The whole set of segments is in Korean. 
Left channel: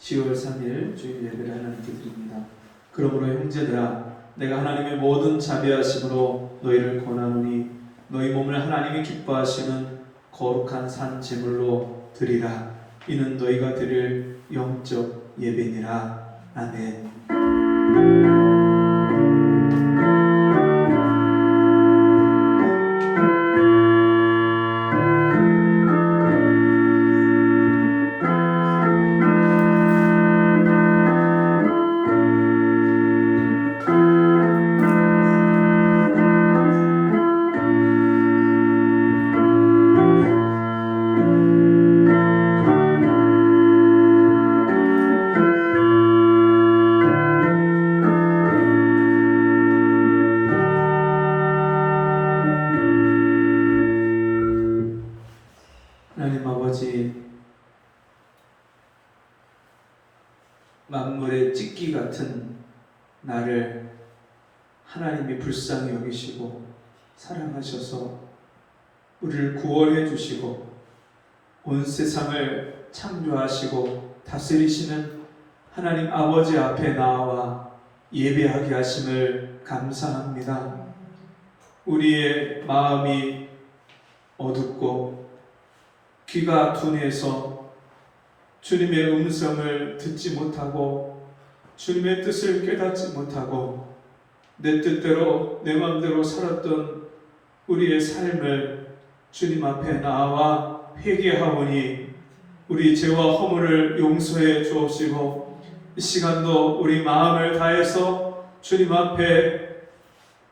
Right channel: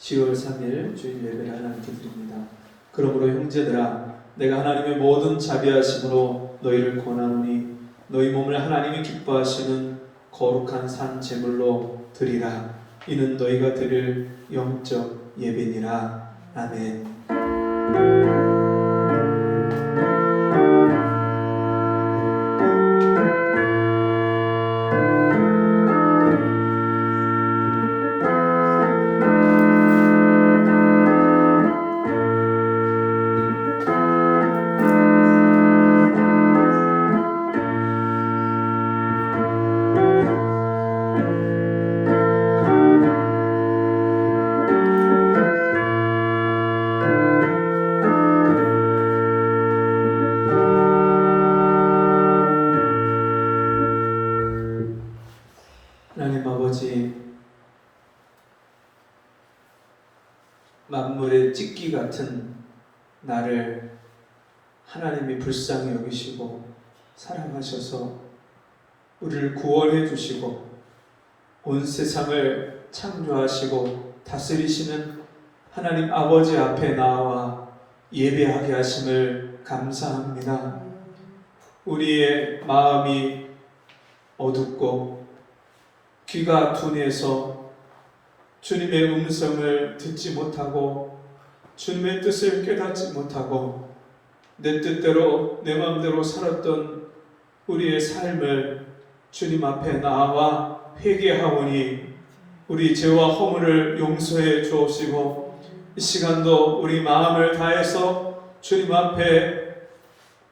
10월 3일 주일 예배를 하나님께 드립니다. 그러므로 형제들아, 내가 하나님의 모든 자비하심으로 너희를 권하노니 너희 몸을 하나님이 기뻐하시는 거룩한 산 제물로 드리라. 이는 너희가 드릴 영적 예배니라. 아멘. 하나님 아버지, 만물의 찢기 같은 나를 하나님이 불쌍히 여기시고 사랑하셔서 우리를 구원해 주시고 온 세상을 창조하시고 다스리시는 하나님 아버지 앞에 나와 예배하게 하심을 감사합니다. 우리의 마음이 어둡고 귀가 둔해서 주님의 음성을 듣지 못하고 주님의 뜻을 깨닫지 못하고 내 뜻대로 내 마음대로 살았던 우리의 삶을 주님 앞에 나와 회개하오니 우리 죄와 허물을 용서해 주옵시고 이 시간도 우리 마음을 다해서 주님 앞에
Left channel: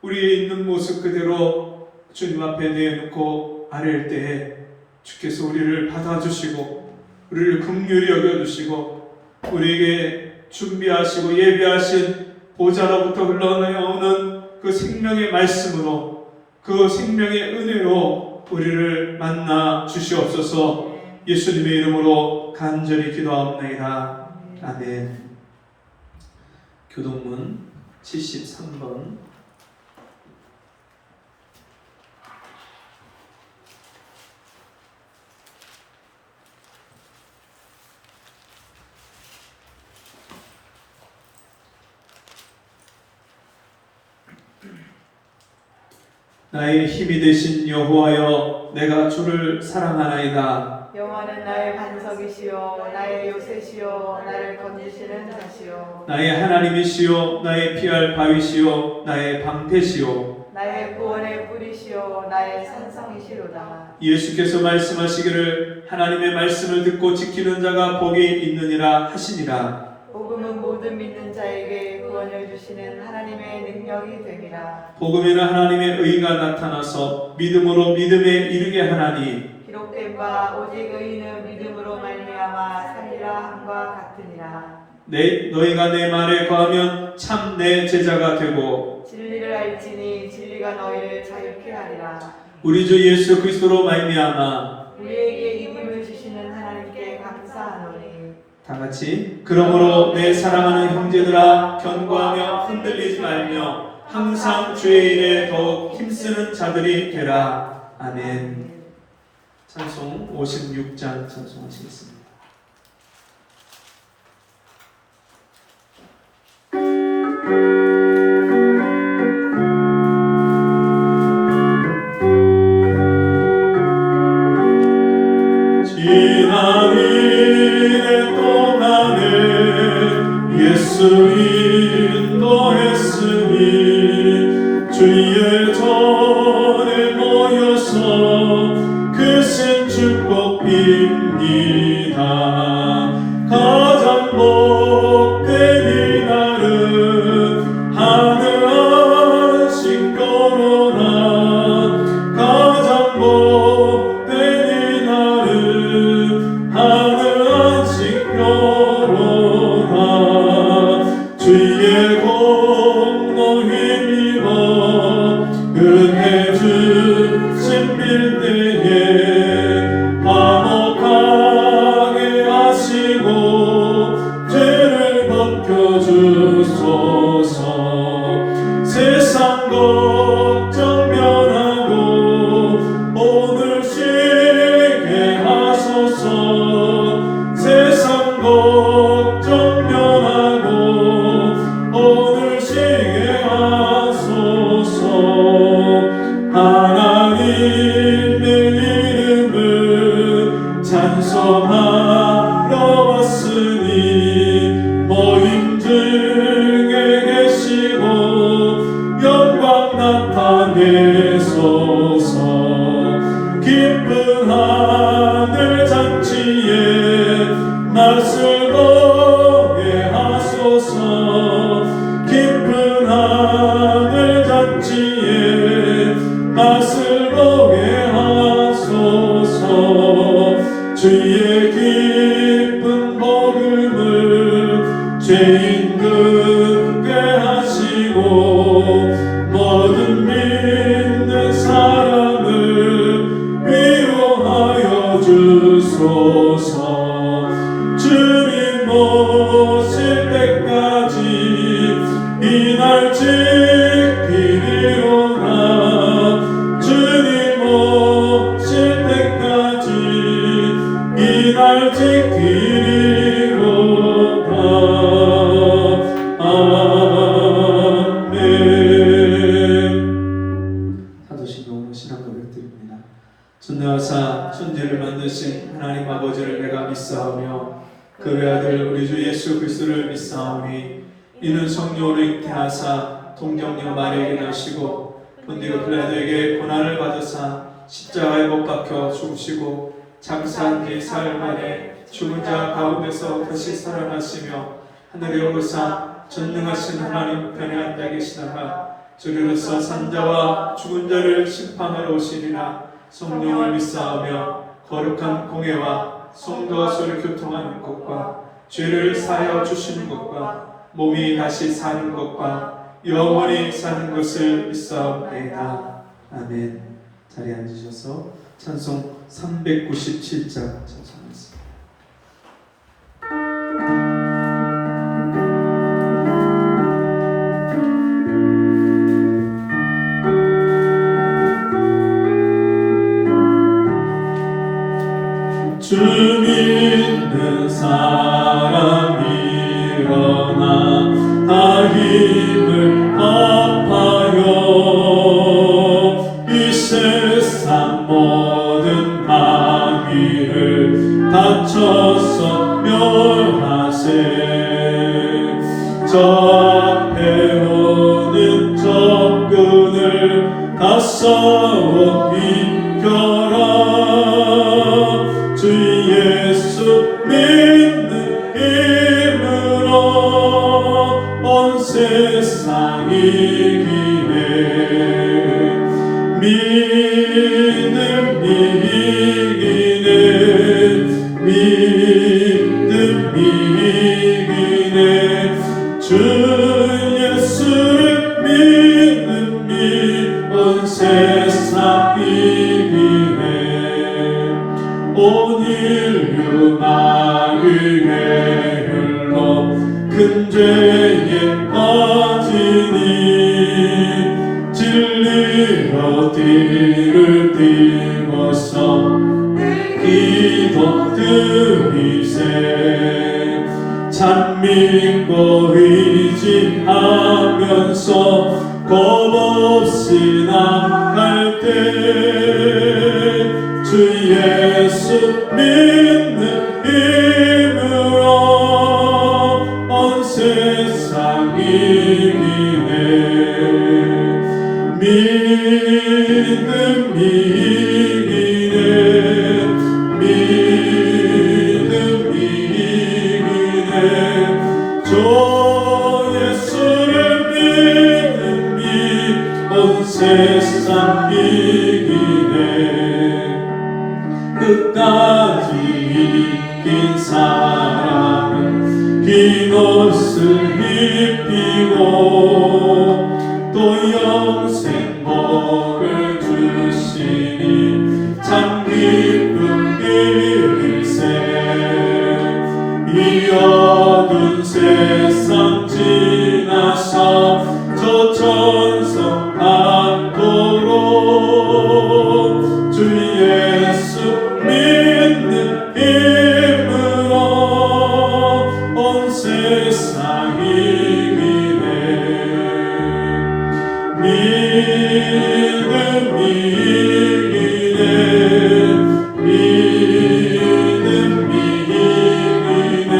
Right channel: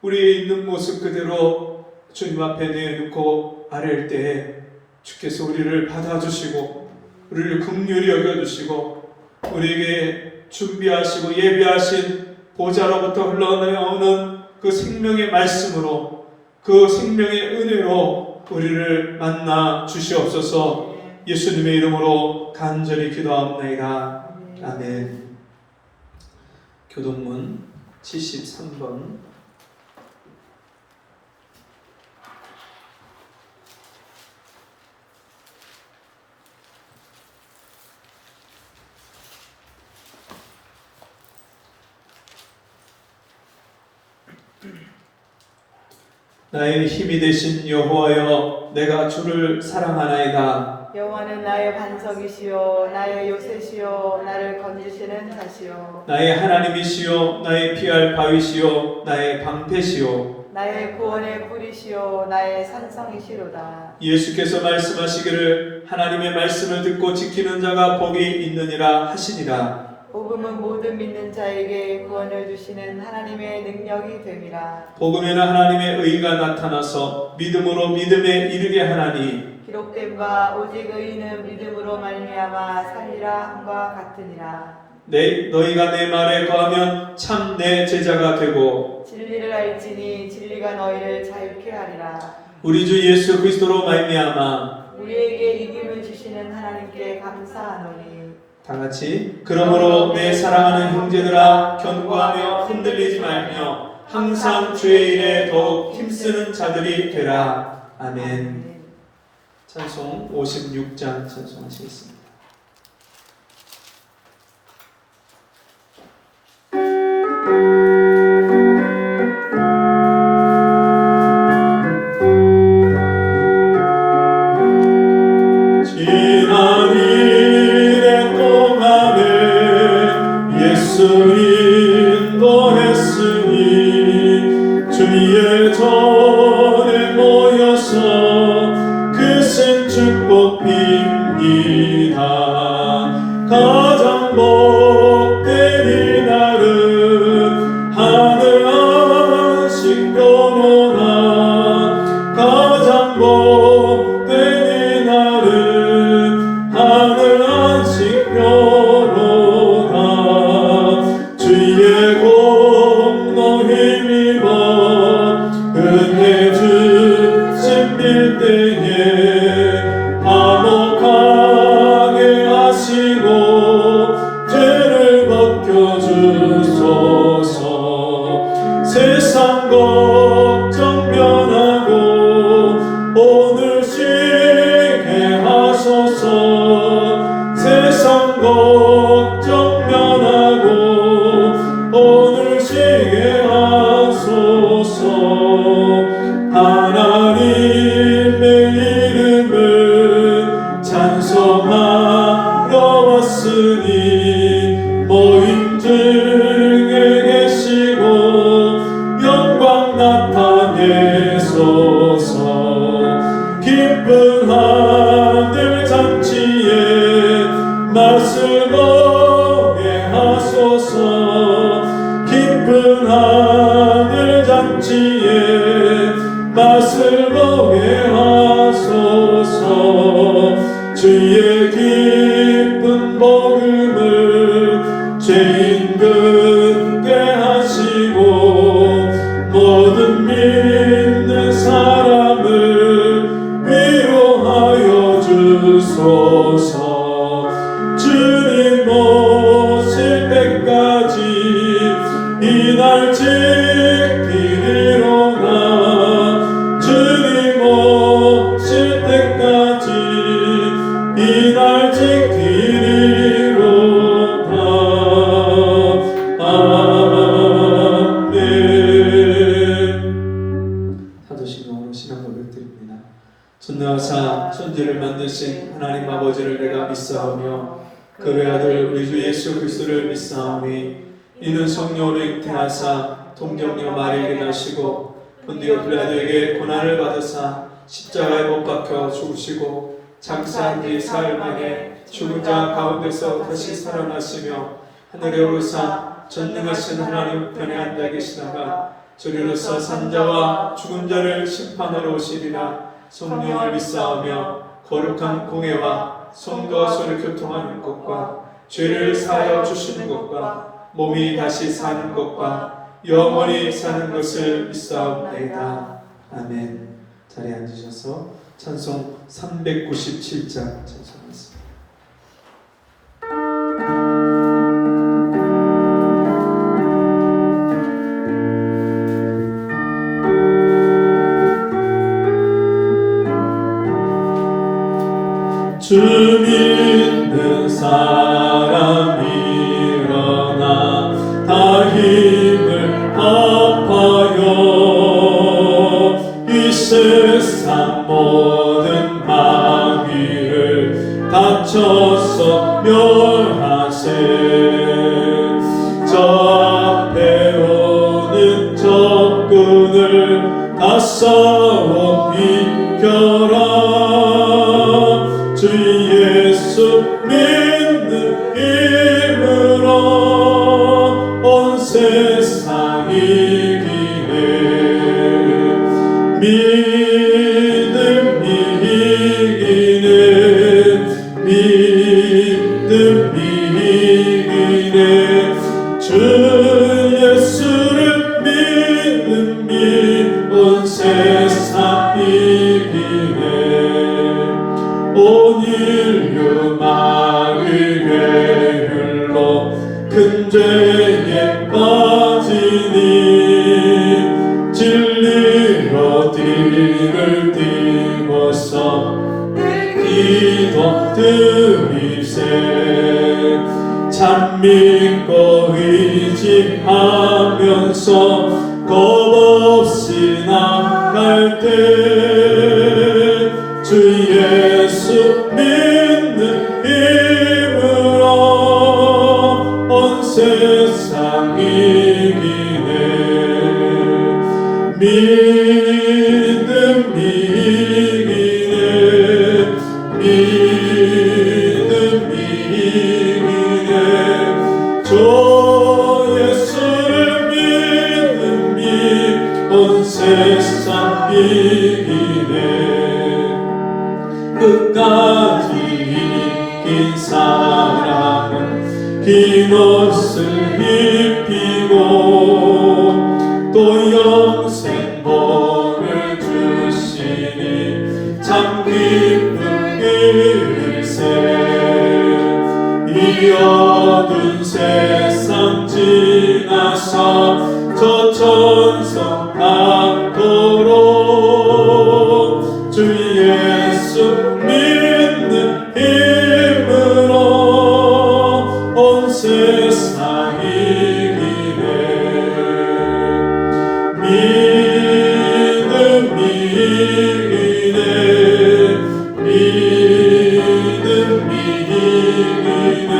우리 있는 모습 그대로 주님 앞에 내놓고 아랠 때에 주께서 우리를 받아주시고 우리를 긍휼히 여겨주시고 우리에게 준비하시고 예비하신 보좌로부터 흘러나오는 그 생명의 말씀으로 그 생명의 은혜로 우리를 만나 주시옵소서. 예수님의 이름으로 간절히 기도하옵나이다. 아멘. 교동문 73번. 나의 힘이 되신 여호와여, 내가 주를 사랑하나이다. 여호와는 나의 반석이시요 나의 요새시요 나를 건지시는 자시요 나의 하나님이시요 나의 피할 바위시요 나의 방패시요 나의 구원의 뿌리시요 나의 산성이시로다. 예수께서 말씀하시기를 하나님의 말씀을 듣고 지키는 자가 복이 있느니라 하시니라. 복음은 모든 믿는 자에게 구원을 주시는 하나님의 능력이 됨이라. 복음에는 하나님의 의가 나타나서 믿음으로 믿음에 이르게 하나니 기록된 바 오직 의인은 믿음으로 말미암아 살리라 함과 같으니라. 너희가 내 말에 거하면 참 내 제자가 되고 진리를 알지니 진리가 너희를 자유케 하리라. 우리 주 예수 그리스도로 말미암아 우리에게 이김을 주시는 하나님께 감사하노니. 다같이 그러므로 내 사랑하는 형제들아, 견고하며 흔들리지 말며 항상 주의 일에 더욱 힘쓰는 자들이 되라. 아멘. 찬송 56장 찬송하시겠습니다. 지난 일의 동안에 예수 인도했으니 주의 전에 모여서 그 신 축복 빕니다. 가장 복된 이날은 하늘 안식 변호나 가장 복된 이날은 하늘 안식 변호나 있으니 모임 중에 계시고 영광 나타내소서. 기쁜 하늘 잔치에 맛을 보게 하소서. 기쁜 하늘 잔치에 맛을 보게 하소서. 주의 기쁜 복음을 죄인들께 하시고 모든 믿는 사람을 위로하여 주소서. 주님 오실 때까지 이날 지키리로다. 주님 오실 때까지 이날 지키리로다. 아멘. 사도신경으로 신앙 고백드립니다. 전능하사 천지를 만드신 하나님 아버지를 내가 믿사오며 그 외아들 우리 주 예수 그리스도를 믿사오니 이는 성령으로 잉태하사 동정녀 마리아에게 나시고 본디오 빌라도에게 고난을 받으사 십자가에 못 박혀 죽으시고 장사한 뒤 사흘 만에 죽은 자 가운데서 다시 살아나시며 하늘에 오르사 전능하신 하나님 우편에 앉아 계시다가 저리로서 산자와 죽은 자를 심판하러 오시리라. 성령을 믿사오며 거룩한 공회와 성도와 서로 교통하는 것과 죄를 사하여 주시는 것과 몸이 다시 사는 것과 영원히 사는 것을 믿사옵나이다. 아멘. 자리에 앉으셔서 찬송 397장 찬송하겠습니다. 주 믿는 사람 일어나 다 힘을 합하여 이 세상 모든 방위를 다쳐서 멸하세. 저 앞에 오는 적군을 다 싸워 이겨라. 주 예수 믿는 힘으로 온 세상 이기네. 믿음 이기네. 믿음 이기네. 주 예수를 믿는 온 세상 이기네. 온 인류 마귀의 율로 큰 죄에 빠지니 진리로 뒤를 띄고서 기도 드리세. 참 믿고 의지하면서 겁없이 나갈 때 주 예수 믿는 힘으로 온 세상 이기네. 믿음 이기네. 믿음 이기네. 주 예수를 믿는 온 세상 이기네. 끝까지 이긴 사람은 흰 옷을 입히고 또 영생 복을 주시니 참 기쁜 일세. 이 어두운 세상 지나서 저 천성 낙도로 주 예수 믿는 힘으로 온 세상 이기네. 믿음 이기네. 믿음 이기네.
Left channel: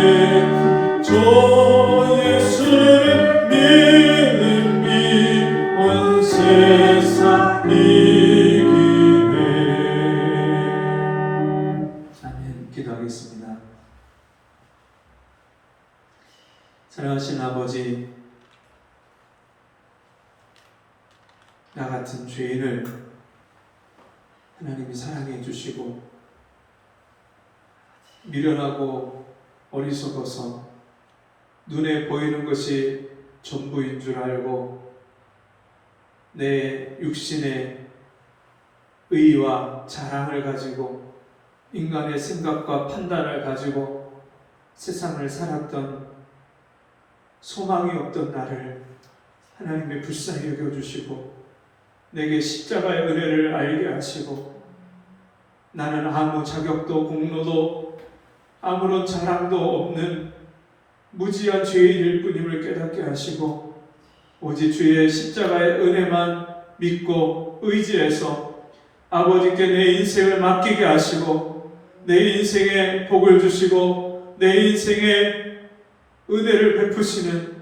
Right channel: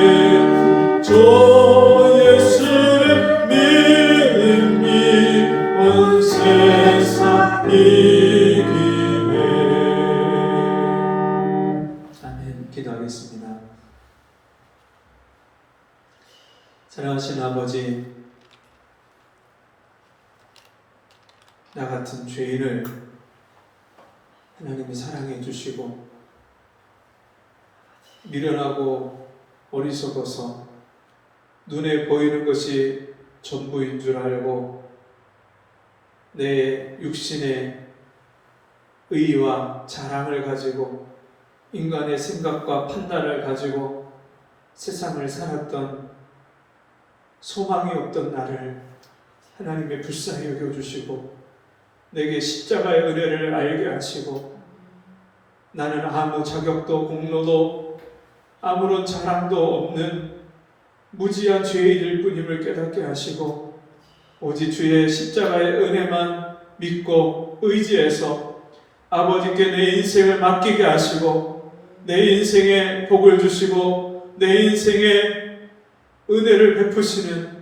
사랑하신 아버지, 나 같은 죄인을 하나님이 사랑해 주시고 미련하고 어리석어서 눈에 보이는 것이 전부인 줄 알고 내 육신의 의와 자랑을 가지고 인간의 생각과 판단을 가지고 세상을 살았던 소망이 없던 나를 하나님의 불쌍히 여겨주시고 내게 십자가의 은혜를 알게 하시고 나는 아무 자격도 공로도 아무런 자랑도 없는 무지한 죄인일 뿐임을 깨닫게 하시고 오직 주의 십자가의 은혜만 믿고 의지해서 아버지께 내 인생을 맡기게 하시고 내 인생에 복을 주시고 내 인생에 은혜를 베푸시는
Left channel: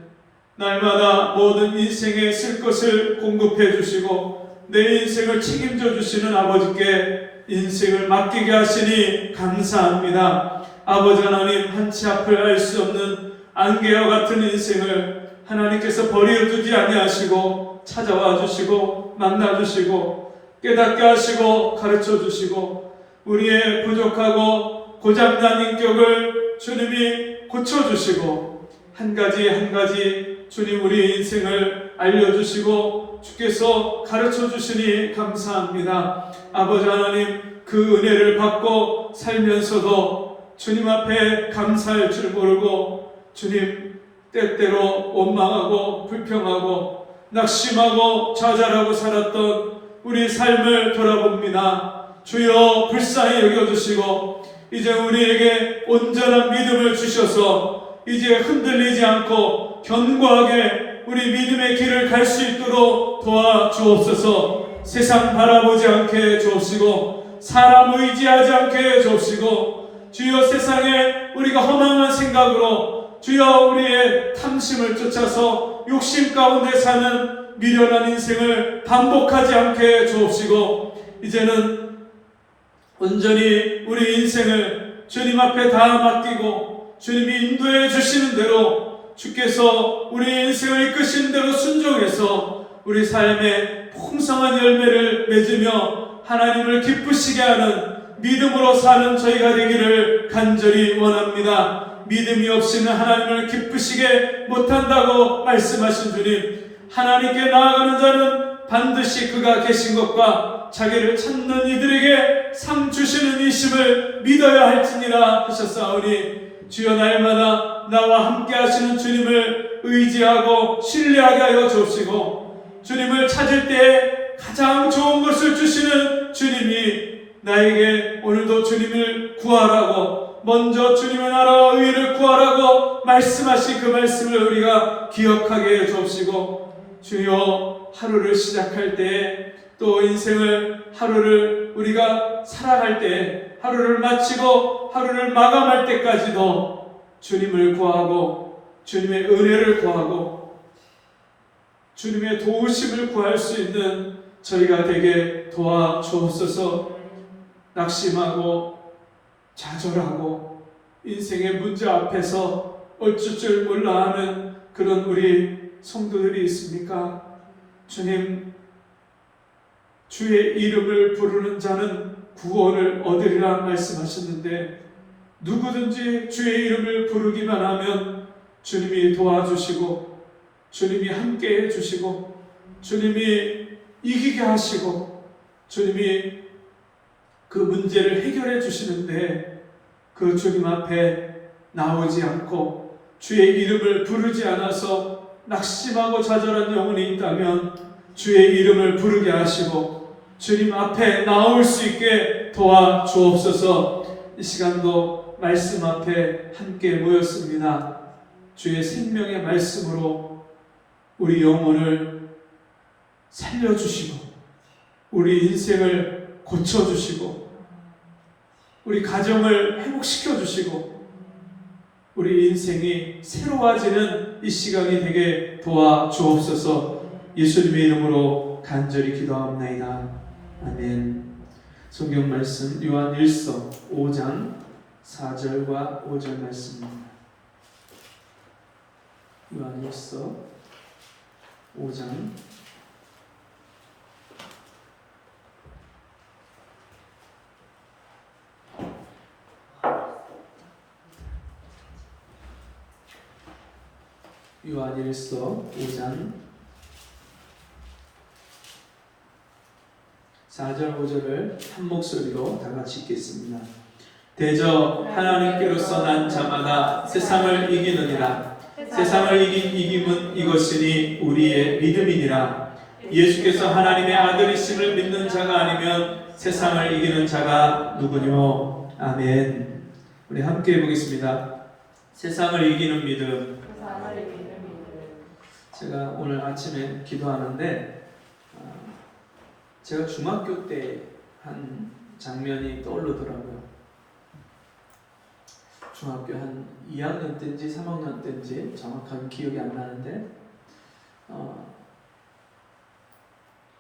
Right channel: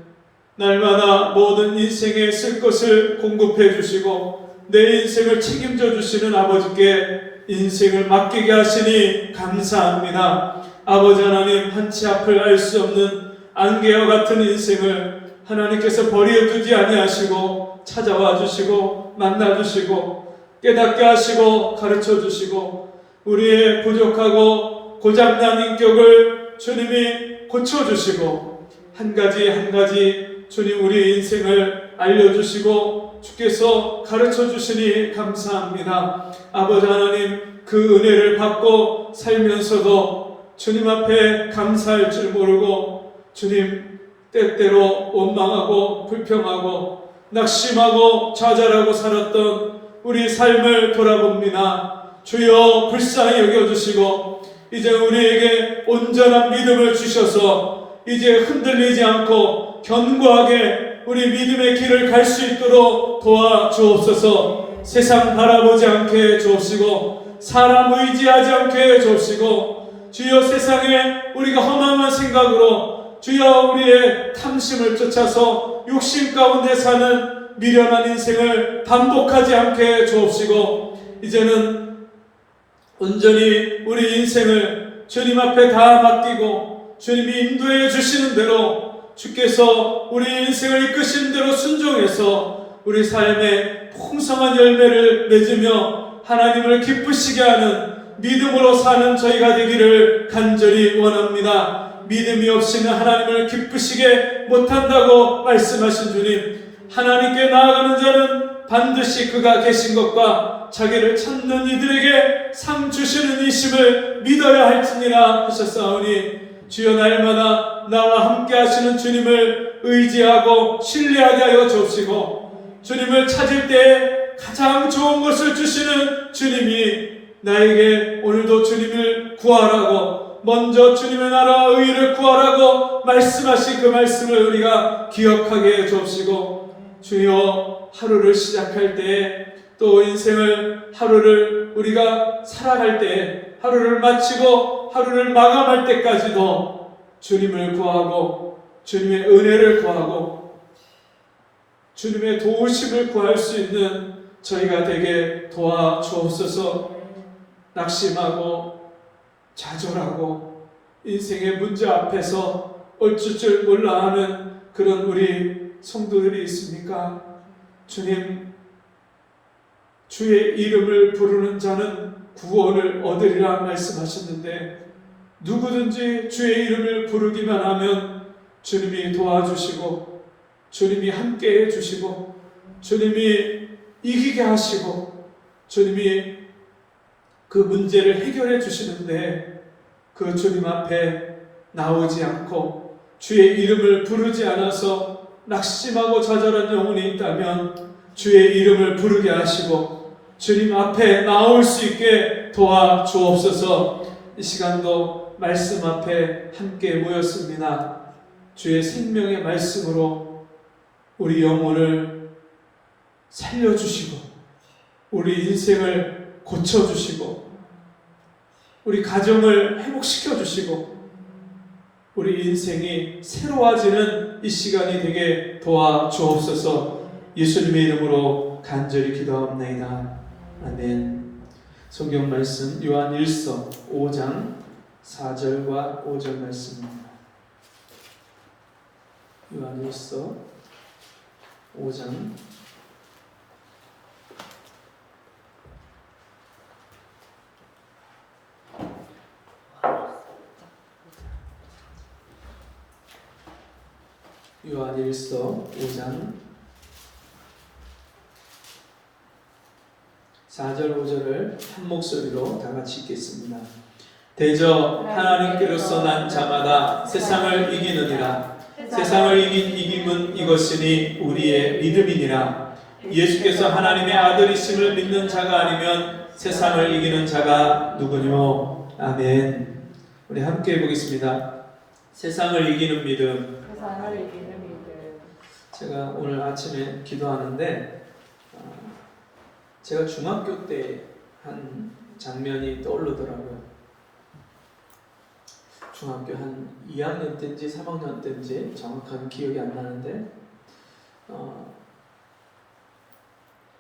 날마다 모든 인생에 쓸 것을 공급해 주시고 내 인생을 책임져 주시는 아버지께 인생을 맡기게 하시니 감사합니다. 아버지 하나님, 한치 앞을 알 수 없는 안개와 같은 인생을 하나님께서 버려두지 아니하시고 찾아와 주시고 만나 주시고 깨닫게 하시고 가르쳐 주시고 우리의 부족하고 고장난 인격을 주님이 고쳐주시고 한 가지 한 가지 주님 우리 인생을 알려주시고 주께서 가르쳐 주시니 감사합니다. 아버지 하나님, 그 은혜를 받고 살면서도 주님 앞에 감사할 줄 모르고 주님 때때로 원망하고 불평하고 낙심하고 좌절하고 살았던 우리 삶을 돌아봅니다. 주여 불쌍히 여겨주시고 이제 우리에게 온전한 믿음을 주셔서 이제 흔들리지 않고 견고하게 우리 믿음의 길을 갈 수 있도록 도와주옵소서. 세상 바라보지 않게 해주옵시고 사람 의지하지 않게 해주옵시고 주여 세상에 우리가 허망한 생각으로 주여 우리의 탐심을 쫓아서 욕심 가운데 사는 미련한 인생을 반복하지 않게 해주옵시고 이제는 온전히 우리 인생을 주님 앞에 다 맡기고 주님이 인도해 주시는 대로 주께서 우리 인생을 이끄시는 대로 순종해서 우리 삶에 풍성한 열매를 맺으며 하나님을 기쁘시게 하는 믿음으로 사는 저희가 되기를 간절히 원합니다. 믿음이 없이는 하나님을 기쁘시게 못한다고 말씀하신 주님, 하나님께 나아가는 자는 반드시 그가 계신 것과 자기를 찾는 이들에게 상 주시는 이심을 믿어야 할지니라 하셨사오니 주여 날마다 나와 함께 하시는 주님을 의지하고 신뢰하게 하여 주옵시고 주님을 찾을 때 가장 좋은 것을 주시는 주님이 나에게 오늘도 주님을 구하라고 먼저 주님의 나라와 의를 구하라고 말씀하신 그 말씀을 우리가 기억하게 해 주옵시고 주여 하루를 시작할 때 또 인생을 하루를 우리가 살아갈 때 하루를 마치고 하루를 마감할 때까지도 주님을 구하고 주님의 은혜를 구하고 주님의 도우심을 구할 수 있는 저희가 되게 도와주옵소서. 낙심하고 좌절하고 인생의 문제 앞에서 어쩔 줄 몰라 하는 그런 우리 성도들이 있습니까? 주님, 주의 이름을 부르는 자는 구원을 얻으리라 말씀하셨는데 누구든지 주의 이름을 부르기만 하면 주님이 도와주시고 주님이 함께 해주시고 주님이 이기게 하시고 주님이 그 문제를 해결해 주시는데 그 주님 앞에 나오지 않고 주의 이름을 부르지 않아서 낙심하고 좌절한 영혼이 있다면 주의 이름을 부르게 하시고 주님 앞에 나올 수 있게 도와주옵소서. 이 시간도 말씀 앞에 함께 모였습니다. 주의 생명의 말씀으로 우리 영혼을 살려주시고 우리 인생을 고쳐주시고 우리 가정을 회복시켜주시고 우리 인생이 새로워지는 이 시간이 되게 도와주옵소서. 예수님의 이름으로 간절히 기도하옵나이다. 아멘. 성경 말씀 요한 1서 5장 4절과 5절 말씀입니다. 요한일서 5장 4절 5절을 한 목소리로 다 같이 읽겠습니다. 대저 하나님께로서 난 자마다 세상을 이기느니라. 세상을 이김은 이것이니 우리의 믿음이니라. 예수께서 하나님의 아들이심을 믿는 자가 아니면 세상을 이기는 자가 누구뇨? 아멘. 우리 함께 해보겠습니다. 세상을 이기는 믿음. 세상을 이기는 믿음. 제가 오늘 아침에 기도하는데 제가 중학교 때 한 장면이 떠오르더라고요. 중학교 한 2학년 때인지 3학년 때인지 정확한 기억이 안 나는데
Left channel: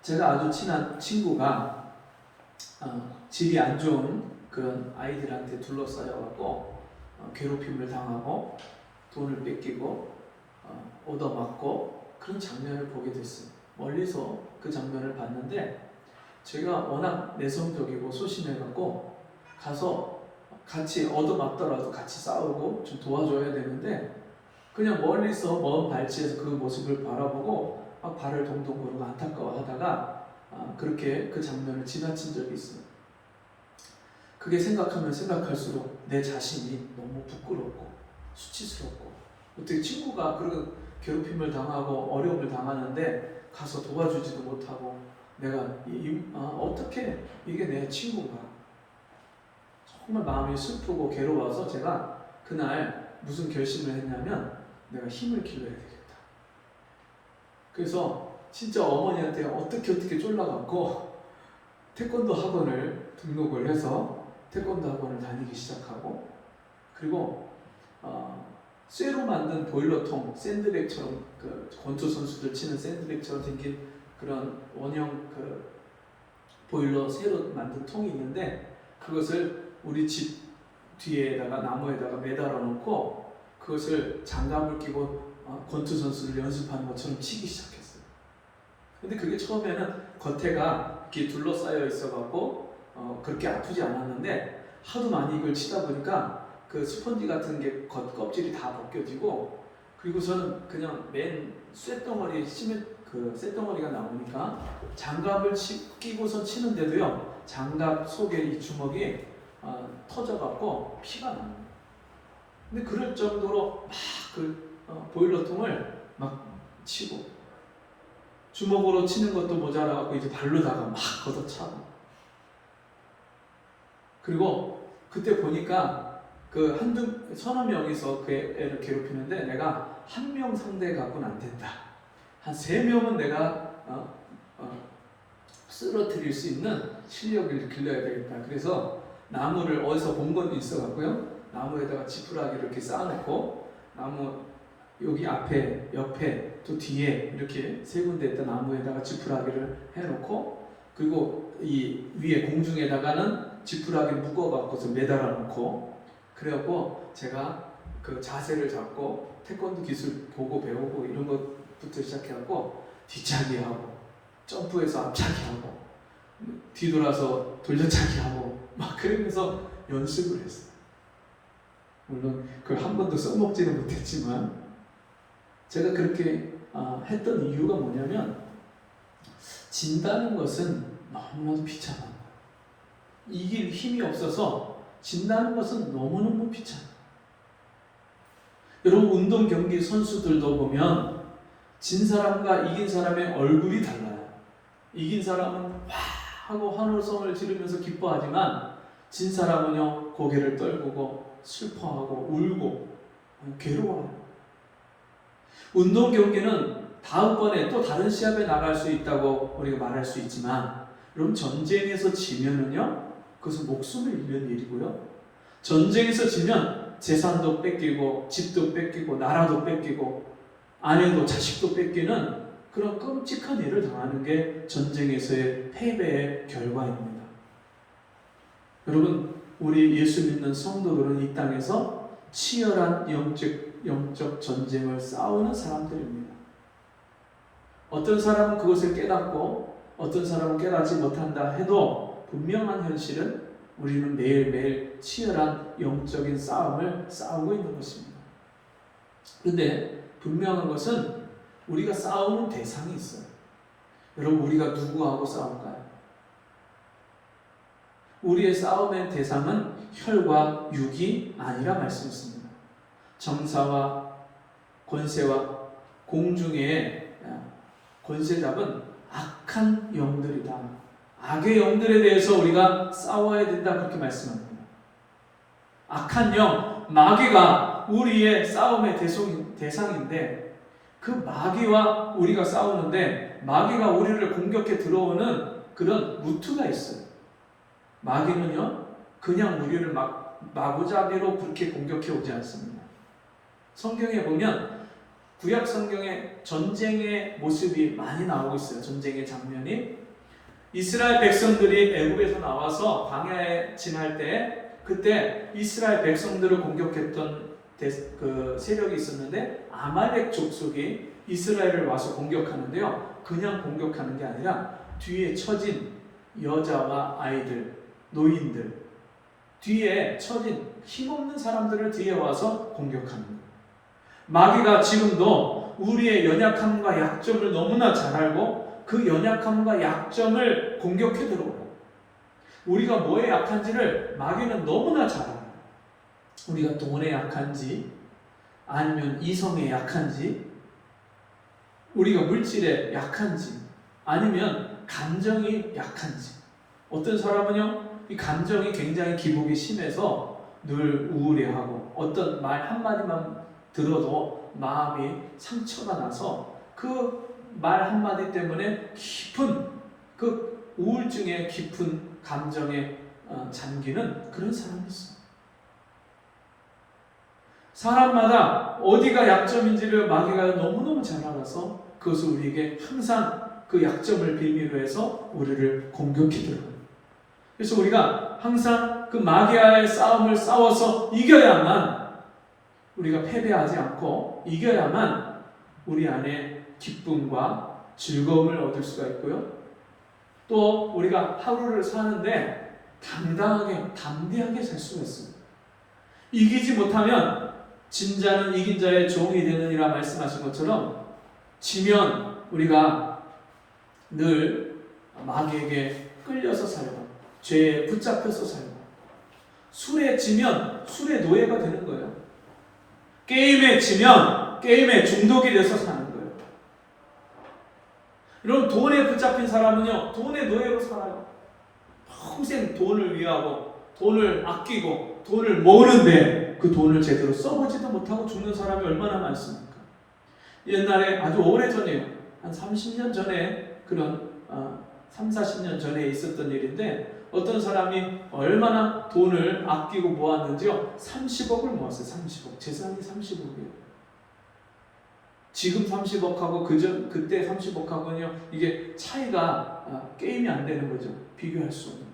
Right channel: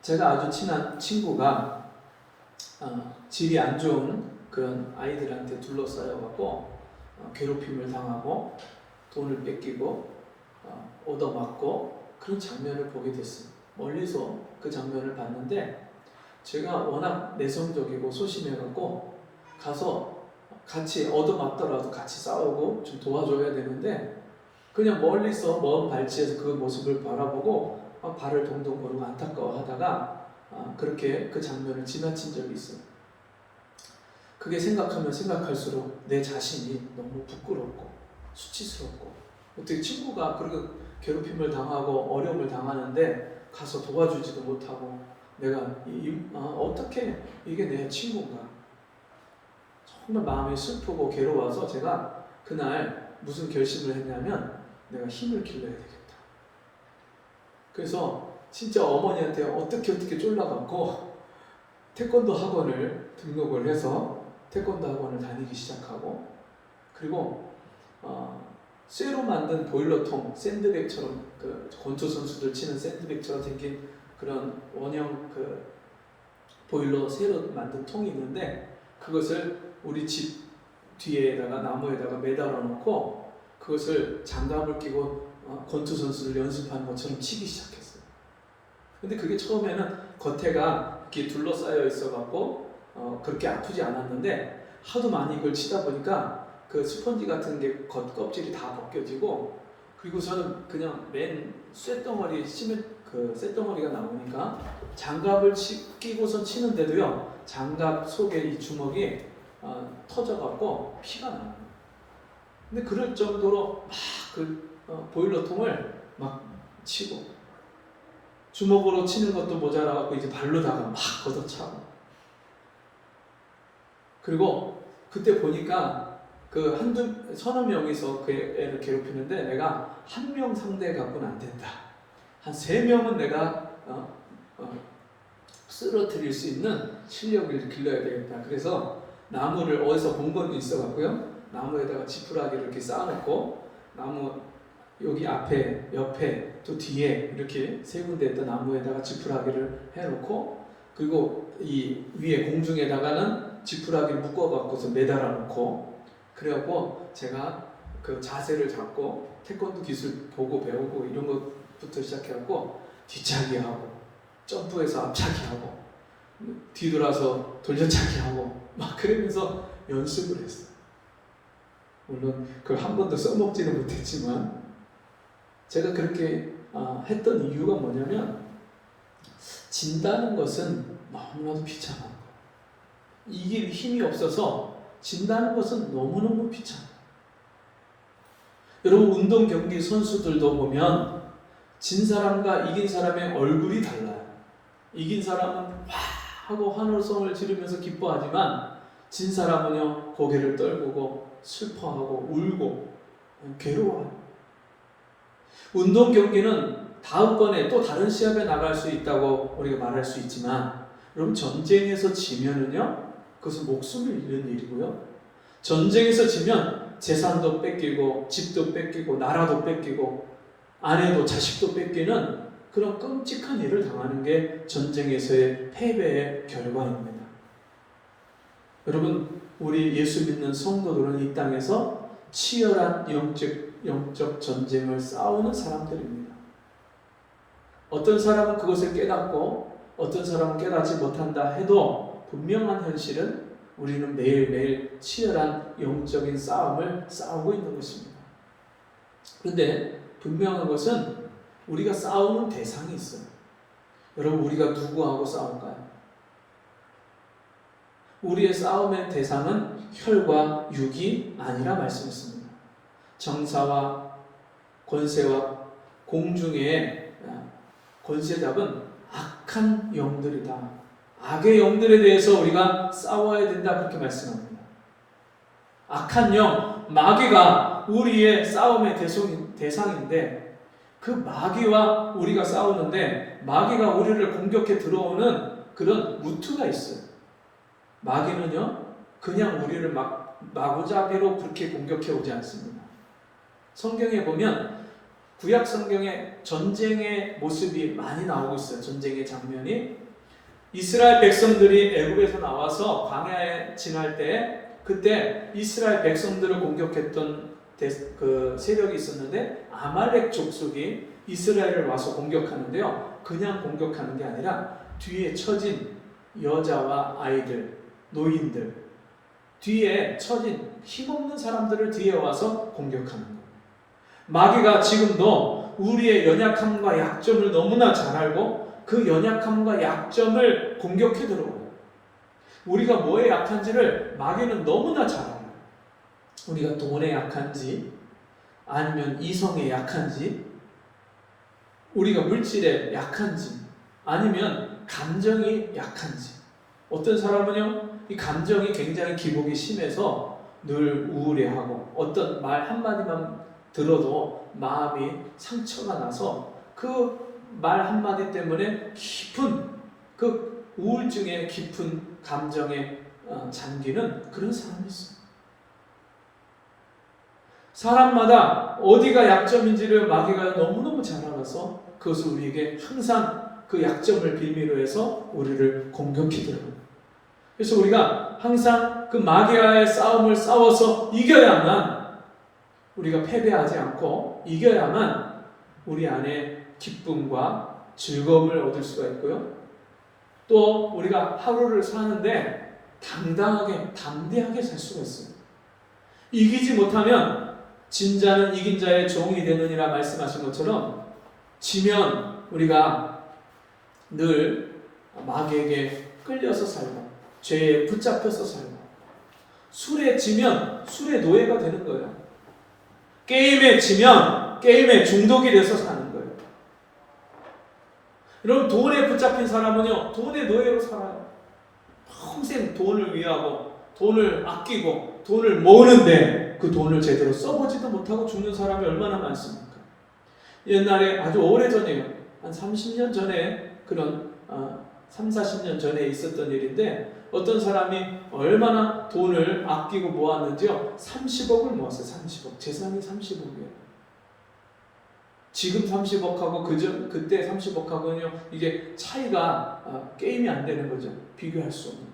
제가 아주 친한 친구가 질이 안 좋은 그런 아이들한테 둘러싸여갖고 괴롭힘을 당하고 돈을 뺏기고 얻어맞고 그런 장면을 보게 됐어요. 멀리서 그 장면을 봤는데 제가 워낙 내성적이고 소심해갖고 가서 같이 얻어맞더라도 같이 싸우고 좀 도와줘야 되는데 그냥 멀리서 먼 발치에서 그 모습을 바라보고 발을 동동 거르고 안타까워하다가 그렇게 그 장면을 지나친 적이 있어요. 그게 생각하면 생각할수록 내 자신이 너무 부끄럽고 수치스럽고 어떻게 친구가 그렇게 괴롭힘을 당하고 어려움을 당하는데 가서 도와주지도 못하고 내가 어떻게 이게 내 친구인가 정말 마음이 슬프고 괴로워서 제가 그날 무슨 결심을 했냐면 내가 힘을 길러야 되겠다. 그래서 진짜 어머니한테 어떻게 쫄라갖고 태권도 학원을 등록을 해서 태권도 학원을 다니기 시작하고 그리고 쇠로 만든 보일러통 샌드백처럼 그 권투 선수들 치는 샌드백처럼 생긴 그런 원형 그 보일러 쇠로 만든 통이 있는데 그것을 우리 집 뒤에다가 나무에다가 매달아 놓고 그것을 장갑을 끼고 권투 선수들 연습하는 것처럼 치기 시작했어요. 근데 그게 처음에는 겉에가 이렇게 둘러싸여 있어갖고 그렇게 아프지 않았는데 하도 많이 이걸 치다 보니까 그 스펀지 같은 게 겉껍질이 다 벗겨지고 그리고서는 그냥 맨 쇳덩어리 그 쇳덩어리가 나오니까 장갑을 끼고서 치는데도요 장갑 속에 이 주먹이 터져갖고 피가 나요. 근데 그럴 정도로 막 그 보일러통을 막 치고 주먹으로 치는 것도 모자라갖고 이제 발로다가 막 걷어차고 그리고 그때 보니까 그 서너 명이서 그 애를 괴롭히는데 내가 한 명 상대 갖고는 안 된다. 한 3명은 내가 쓰러뜨릴 수 있는 실력을 길러야 되겠다. 그래서 나무를 어디서 본 건 있어갖고요. 나무에다가 지푸라기를 이렇게 쌓아놓고 나무 여기 앞에, 옆에, 또 뒤에 이렇게 3군데에다 나무에다가 지푸라기를 해놓고 그리고 이 위에 공중에다가는 지푸라기를 묶어갖고서 매달아 놓고 그래갖고 제가 그 자세를 잡고 태권도 기술 보고 배우고 이런 것부터 시작해갖고 뒤차기하고 점프해서 앞차기하고 뒤돌아서 돌려차기하고 막 그러면서 연습을 했어요. 물론 그걸 한 번도 써먹지는 못했지만 제가 그렇게 했던 이유가 뭐냐면 진다는 것은 너무나도 비참한 거예요. 이길 힘이 없어서 진다는 것은 너무너무 비참해요. 여러분 운동 경기 선수들도 보면 진 사람과 이긴 사람의 얼굴이 달라요. 이긴 사람은 와 하고 환호성을 지르면서 기뻐하지만 진 사람은요 고개를 떨구고 슬퍼하고 울고 괴로워요. 운동 경기는 다음번에 또 다른 시합에 나갈 수 있다고 우리가 말할 수 있지만 여러분 전쟁에서 지면은요 그것은 목숨을 잃는 일이고요. 전쟁에서 지면 재산도 뺏기고 집도 뺏기고 나라도 뺏기고 아내도 자식도 뺏기는 그런 끔찍한 일을 당하는 게 전쟁에서의 패배의 결과입니다. 여러분 우리 예수 믿는 성도들은 이 땅에서 치열한 영적 전쟁을 싸우는 사람들입니다. 어떤 사람은 그것을 깨닫고 어떤 사람은 깨닫지 못한다 해도 분명한 현실은 우리는 매일매일 치열한 영적인 싸움을 싸우고 있는 것입니다. 그런데 분명한 것은 우리가 싸우는 대상이 있어요. 여러분, 우리가 누구하고 싸울까요? 우리의 싸움의 대상은 혈과 육이 아니라 말씀했습니다. 정사와 권세와 공중의 권세잡은 악한 영들이다. 악의 영들에 대해서 우리가 싸워야 된다, 그렇게 말씀합니다. 악한 영, 마귀가 우리의 싸움의 대상인데 그 마귀와 우리가 싸우는데 마귀가 우리를 공격해 들어오는 그런 루트가 있어요. 마귀는요, 그냥 우리를 마구잡이로 그렇게 공격해 오지 않습니다. 성경에 보면 구약 성경에 전쟁의 모습이 많이 나오고 있어요. 전쟁의 장면이. 이스라엘 백성들이 애굽에서 나와서 광야에 지날 때 그때 이스라엘 백성들을 공격했던 그 세력이 있었는데 아말렉 족속이 이스라엘을 와서 공격하는데요. 그냥 공격하는 게 아니라 뒤에 처진 여자와 아이들, 노인들, 뒤에 처진 힘없는 사람들을 뒤에 와서 공격하는 거예요. 마귀가 지금도 우리의 연약함과 약점을 너무나 잘 알고 그 연약함과 약점을 공격해 들어와요. 우리가 뭐에 약한지를 마귀는 너무나 잘 알아요. 우리가 돈에 약한지 아니면 이성에 약한지 우리가 물질에 약한지 아니면 감정이 약한지. 어떤 사람은요, 이 감정이 굉장히 기복이 심해서 늘 우울해하고 어떤 말 한마디만 들어도 마음이 상처가 나서 그 말 한마디 때문에 깊은 그 우울증의 깊은 감정에 잠기는 그런 사람이 있어요. 사람마다 어디가 약점인지를 마귀가 너무너무 잘 알아서 그것을 우리에게 항상 그 약점을 빌미로 해서 우리를 공격해 들어요. 그래서 우리가 항상 그 마귀와의 싸움을 싸워서 이겨야만, 우리가 패배하지 않고 이겨야만 우리 안에 기쁨과 즐거움을 얻을 수가 있고요. 또 우리가 하루를 사는데 당당하게, 담대하게 살 수가 있습니다. 이기지 못하면 진자는 이긴 자의 종이 되느니라 말씀하신 것처럼 지면 우리가 늘 마귀에게 끌려서 살고 죄에 붙잡혀서 살고 술에 지면 술의 노예가 되는 거예요. 게임에 지면 게임에 중독이 돼서 사는 거예요. 여러분, 돈에 붙잡힌 사람은요, 돈의 노예로 살아요. 평생 돈을 위하고 돈을 아끼고 돈을 모으는데 그 돈을 제대로 써보지도 못하고 죽는 사람이 얼마나 많습니까? 옛날에 아주 오래전이에요. 한 30년 전에 그런 3, 40년 전에 있었던 일인데 어떤 사람이 얼마나 돈을 아끼고 모았는지요? 30억을 모았어요. 30억. 재산이 30억이에요. 지금 30억하고 그때 30억하고는요, 이게 차이가 게임이 안 되는 거죠. 비교할 수 없는.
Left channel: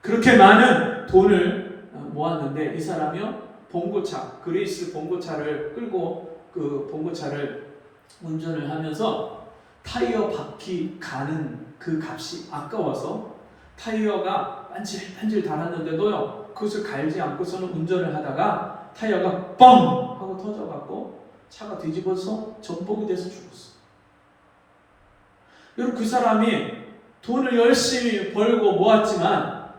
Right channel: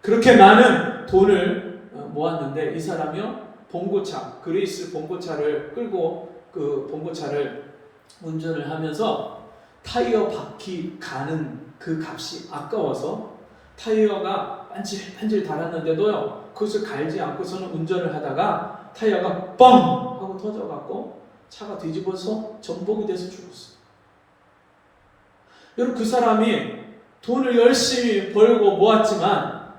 그렇게 많은 돈을 모았는데 이 사람이요, 봉고차, 그리스 봉고차를 끌고 그 봉고차를 운전을 하면서 타이어 바퀴 가는 그 값이 아까워서 타이어가 반질반질 달았는데도요, 그것을 갈지 않고서는 운전을 하다가 타이어가 뻥 하고 터져갖고 차가 뒤집어서 전복이 돼서 죽었어요. 여러분, 그 사람이 돈을 열심히 벌고 모았지만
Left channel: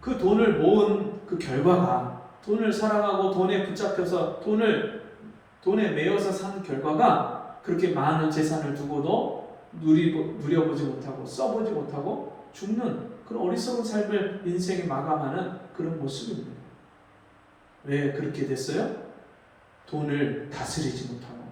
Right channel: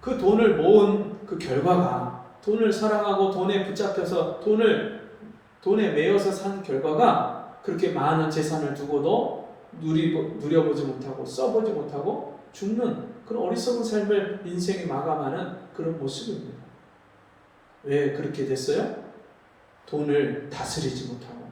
그 돈을 모은 그 결과가, 돈을 사랑하고 돈에 붙잡혀서 돈에 매여서 산 결과가 그렇게 많은 재산을 두고도 누려보지 못하고 써보지 못하고 죽는 그런 어리석은 삶을 인생에 마감하는 그런 모습입니다. 왜 그렇게 됐어요? 돈을 다스리지 못하고,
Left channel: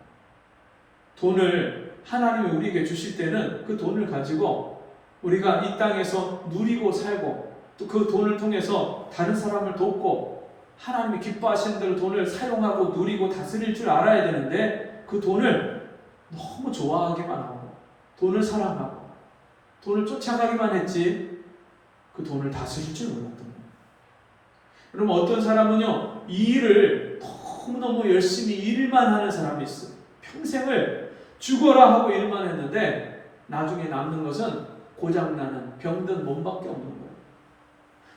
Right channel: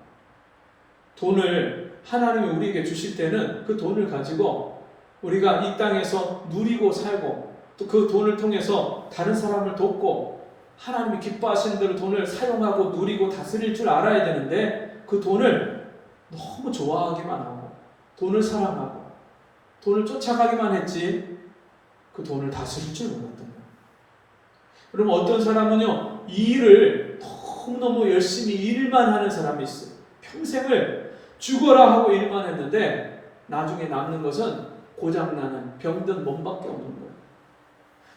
돈을 하나님이 우리에게 주실 때는 그 돈을 가지고 우리가 이 땅에서 누리고 살고 또 그 돈을 통해서 다른 사람을 돕고 하나님이 기뻐하시는 대로 돈을 사용하고 누리고 다스릴 줄 알아야 되는데 그 돈을 너무 좋아하기만 하고 돈을 사랑하고 돈을 쫓아가기만 했지 그 돈을 다스릴 줄 몰랐던 거예요. 그럼 어떤 사람은요, 이 일을 너무너무 열심히 일만 하는 사람이 있어요. 평생을 죽어라 하고 일만 했는데 나중에 남는 것은 고장나는 병든 몸밖에 없는 거예요.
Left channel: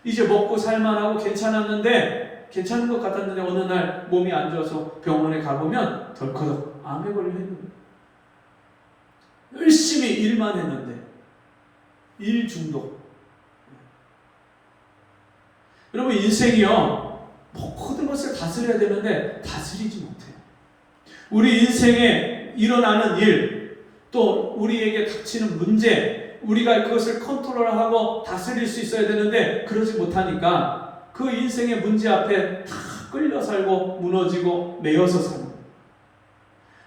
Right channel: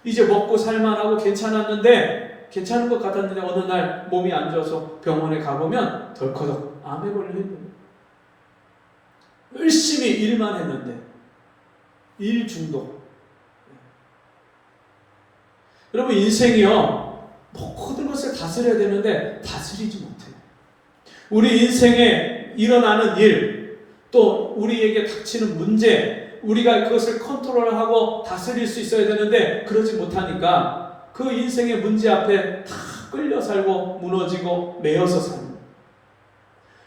이제 먹고 살만하고 괜찮은 것 같았는데 어느 날 몸이 안 좋아서 병원에 가보면 덜커덕 암에 걸려 있는 거예요. 열심히 일만 했는데 일 중독. 여러분 인생이요 모든 것을 다스려야 되는데 다스리지 못해요. 우리 인생에 일어나는 일, 또 우리에게 닥치는 문제, 우리가 그것을 컨트롤하고 다스릴 수 있어야 되는데 그러지 못하니까 그 인생의 문제 앞에 다 끌려 살고 무너지고 매여서 사는 거예요.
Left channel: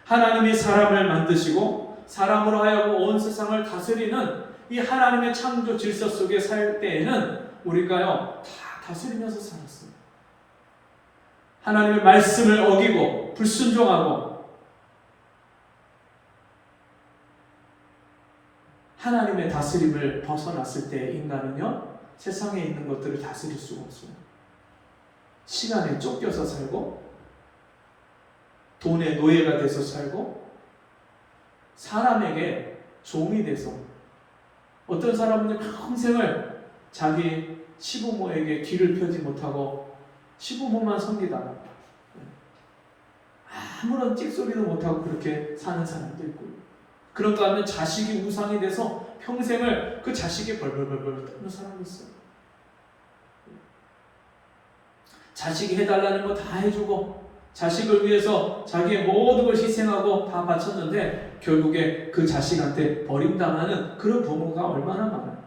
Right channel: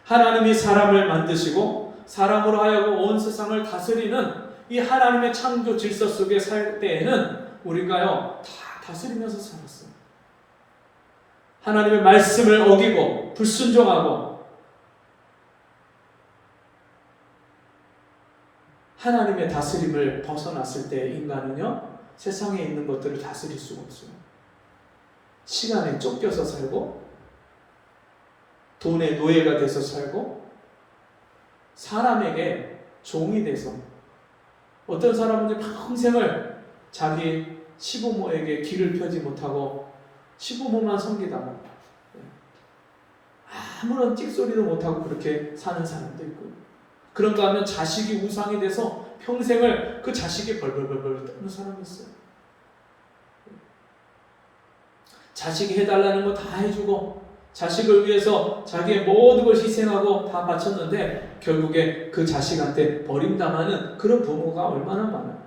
하나님이 사람을 만드시고 사람으로 하여금 온 세상을 다스리는 이 하나님의 창조 질서 속에 살 때에는 우리가요 다 다스리면서 살았어요. 하나님의 말씀을 어기고 불순종하고 하나님의 다스림을 벗어났을 때 인간은요 세상에 있는 것들을 다스릴 수가 없어요. 시간에 쫓겨서 살고 돈의 노예가 돼서 살고 사람에게 종이 돼서 어떤 사람은 평생을 자기 시부모에게 길을 펴지 못하고 시부모만 섬기다가 아무런 찝소리도 못하고 그렇게 사는 사람도 있고 그런가 하면 자식이 우상이 돼서 평생을 그 자식이 벌벌벌벌 떠는 사람이 있어요. 자식이 해달라는 거 다 해주고 자식을 위해서 자기의 모든 걸 희생하고 다 바쳤는데 결국에 그 자식한테 버림당하는 그런 부모가 얼마나 많아요.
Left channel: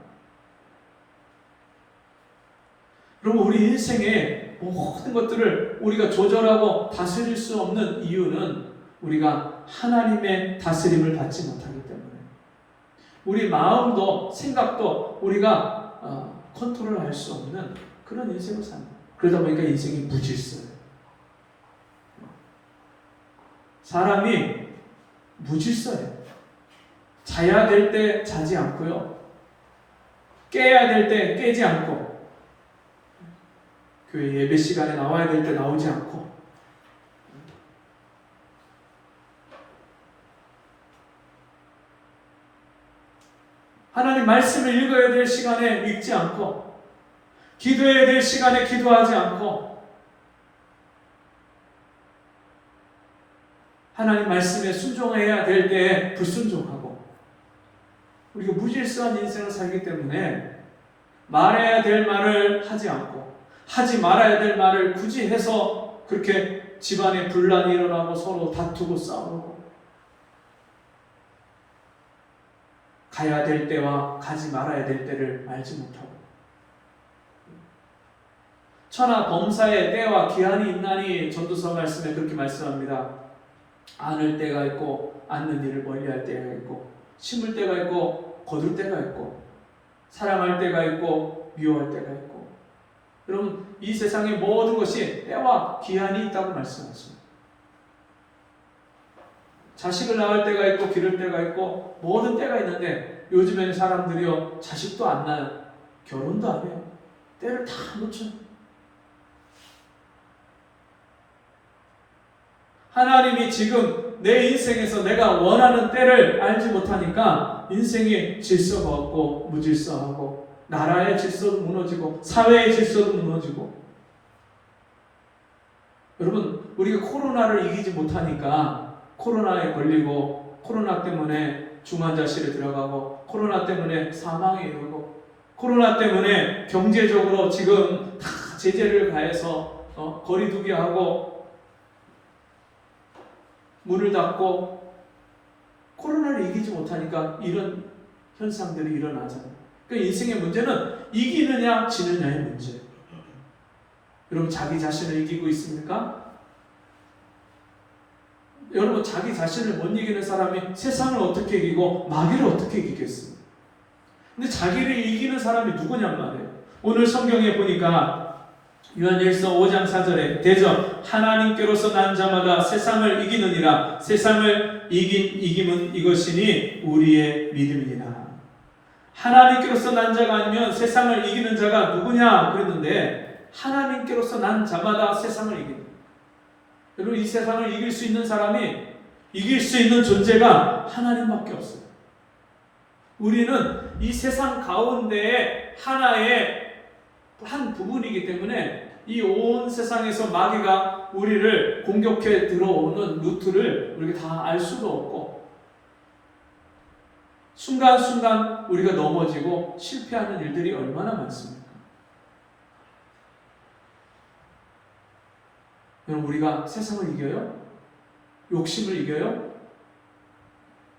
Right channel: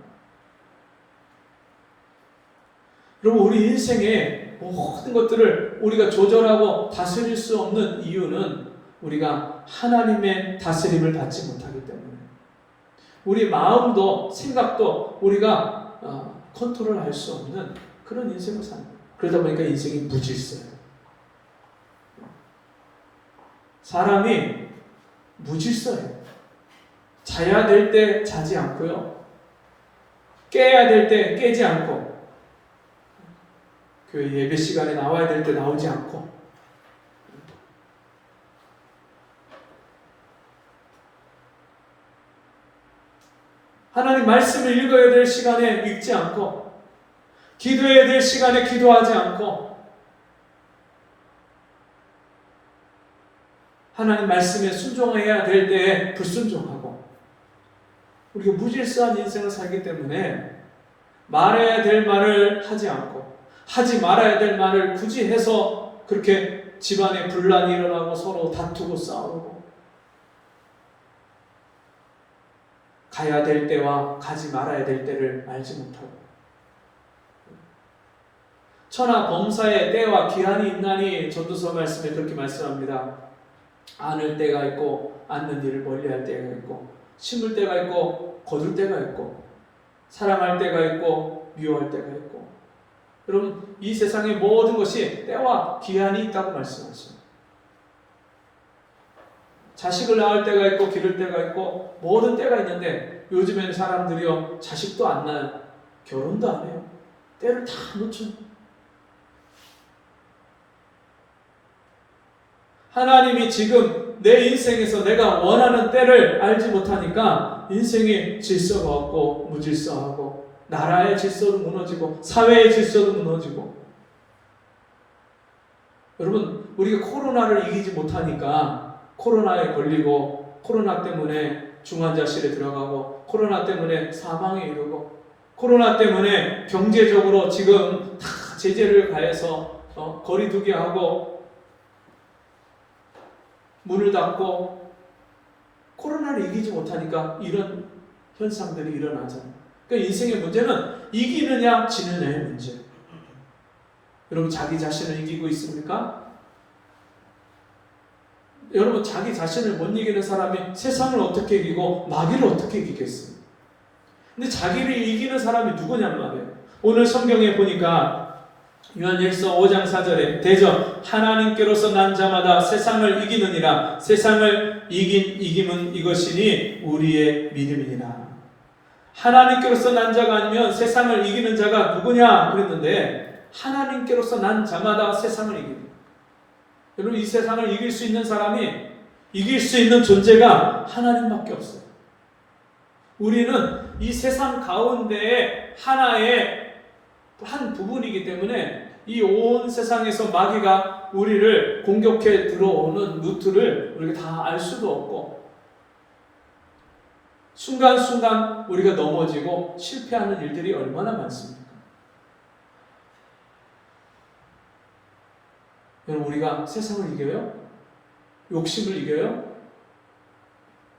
여러분 우리 인생의 모든 것들을 우리가 조절하고 다스릴 수 없는 이유는 우리가 하나님의 다스림을 받지 못하기 때문에 우리 마음도 생각도 우리가 컨트롤할 수 없는 그런 인생을 사는 거예요. 그러다 보니까 인생이 무질서예요. 사람이 무질서예요. 자야 될 때 자지 않고요. 깨야 될 때 깨지 않고 교회 예배 시간에 나와야 될 때 나오지 않고 하나님 말씀을 읽어야 될 시간에 읽지 않고 기도해야 될 시간에 기도하지 않고 하나님 말씀에 순종해야 될 때에 불순종하고 우리가 무질서한 인생을 살기 때문에 말해야 될 말을 하지 않고 하지 말아야 될 말을 굳이 해서 그렇게 집안에 분란이 일어나고 서로 다투고 싸우고 가야 될 때와 가지 말아야 될 때를 알지 못하고 천하 범사의 때와 기한이 있나니 전도서 말씀에 그렇게 말씀합니다. 안을 때가 있고 않는 일을 멀리할 때가 있고 심을 때가 있고 거둘 때가 있고 사랑할 때가 있고 미워할 때가 있고 여러분 이 세상의 모든 것이 때와 기한이 있다고 말씀하십니다. 자식을 낳을 때가 있고 기를 때가 있고 모든 때가 있는데 요즘에는 사람들이요 자식도 안 낳아요. 결혼도 안 해요. 때를 다 놓쳐. 하나님이 지금 내 인생에서 내가 원하는 때를 알지 못하니까 인생의 질서가 없고 무질서하고 나라의 질서도 무너지고 사회의 질서도 무너지고 여러분 우리가 코로나를 이기지 못하니까 코로나에 걸리고 코로나 때문에 중환자실에 들어가고 코로나 때문에 사망에 이르고 코로나 때문에 경제적으로 지금 다 제재를 가해서 거리두기 하고 문을 닫고 코로나를 이기지 못하니까 이런 현상들이 일어나잖아요. 그러니까 인생의 문제는 이기느냐 지느냐의 문제. 여러분 자기 자신을 이기고 있습니까? 여러분 자기 자신을 못 이기는 사람이 세상을 어떻게 이기고 마귀를 어떻게 이기겠어요? 근데 자기를 이기는 사람이 누구냔 말이에요. 오늘 성경에 보니까 요한일서 5장 4절에 대저 하나님께로서 난 자마다 세상을 이기느니라. 세상을 이김은 이것이니 우리의 믿음이니라. 하나님께로서 난 자가 아니면 세상을 이기는 자가 누구냐 그랬는데 하나님께로서 난 자마다 세상을 이깁니다. 여러분, 이 세상을 이길 수 있는 사람이, 이길 수 있는 존재가 하나님밖에 없어요. 우리는 이 세상 가운데에 하나의 한 부분이기 때문에 이 온 세상에서 마귀가 우리를 공격해 들어오는 루트를 우리가 다 알 수도 없고, 순간순간 우리가 넘어지고 실패하는 일들이 얼마나 많습니까? 여러분, 우리가 세상을 이겨요? 욕심을 이겨요?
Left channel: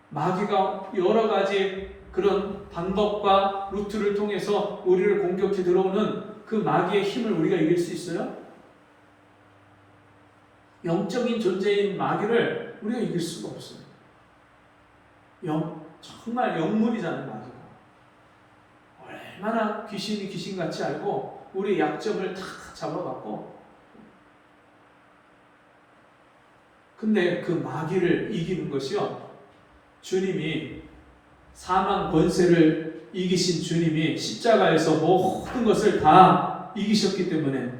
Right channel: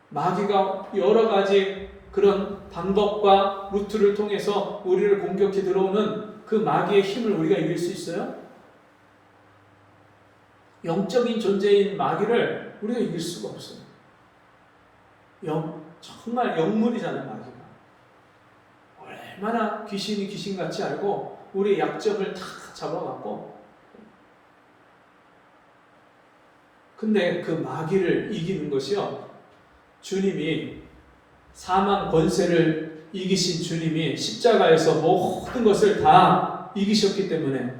마귀가 여러 가지 그런 방법과 루트를 통해서 우리를 공격해 들어오는 그 마귀의 힘을 우리가 이길 수 있어요? 영적인 존재인 마귀를 우리가 이길 수가 없어요. 정말 영물이잖아요, 마귀가. 얼마나 귀신이 귀신같이 알고 우리의 약점을 다 잡아갖고, 근데 그 마귀를 이기는 것이요, 주님이 사망 권세를 이기신 주님이 십자가에서 모든 것을 다 이기셨기 때문에,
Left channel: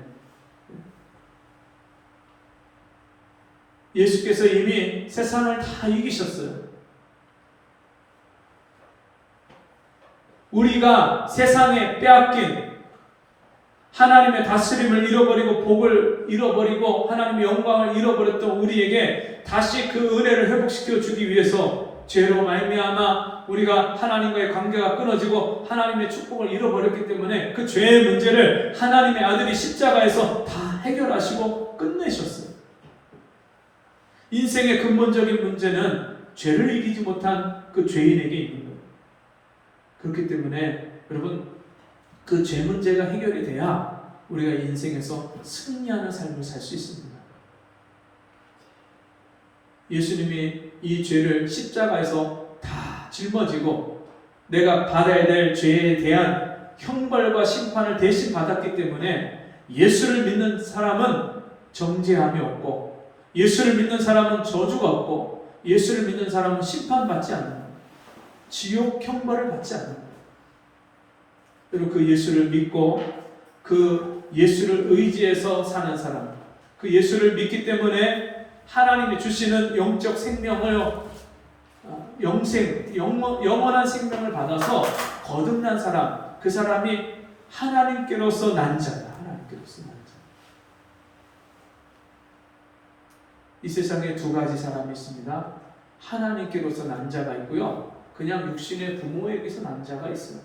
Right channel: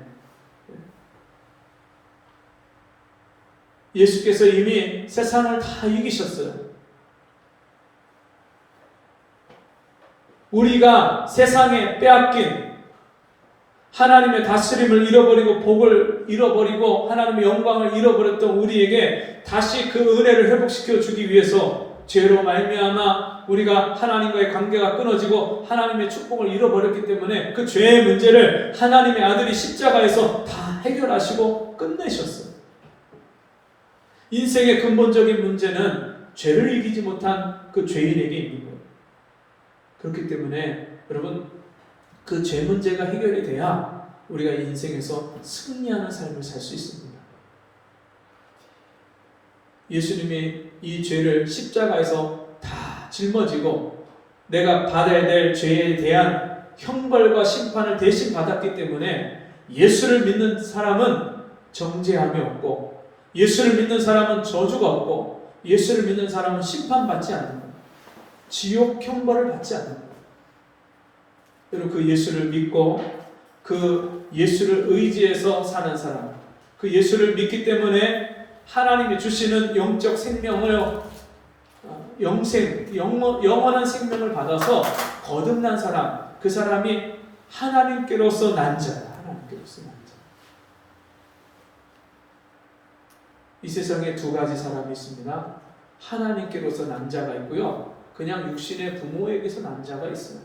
예수께서 이미 세상을 다 이기셨어요. 우리가 세상에 빼앗긴 하나님의 다스림을 잃어버리고 복을 잃어버리고 하나님의 영광을 잃어버렸던 우리에게 다시 그 은혜를 회복시켜 주기 위해서 죄로 말미암아 우리가 하나님과의 관계가 끊어지고 하나님의 축복을 잃어버렸기 때문에 그 죄의 문제를 하나님의 아들이 십자가에서 다 해결하시고 끝내셨어요. 인생의 근본적인 문제는 죄를 이기지 못한 그 죄인에게 있는 거예요. 그렇기 때문에 여러분, 그 죄 문제가 해결이 돼야 우리가 인생에서 승리하는 삶을 살 수 있습니다. 예수님이 이 죄를 십자가에서 다 짊어지고 내가 받아야 될 죄에 대한 형벌과 심판을 대신 받았기 때문에 예수를 믿는 사람은 정죄함이 없고, 예수를 믿는 사람은 저주가 없고, 예수를 믿는 사람은 심판받지 않는다. 지옥 형벌을 받지 않는다. 여러분, 그 예수를 믿고 그 예수를 의지해서 사는 사람, 그 예수를 믿기 때문에 하나님이 주시는 영적 생명을, 영원한 생명을 받아서 거듭난 사람, 그 사람이 하나님께로서 난 자다. 하나님께로서 난 자. 이 세상에 두 가지 사람이 있습니다. 하나님께로서 난 자가 있고요, 그냥 육신의 부모에게서 난 자가 있어요.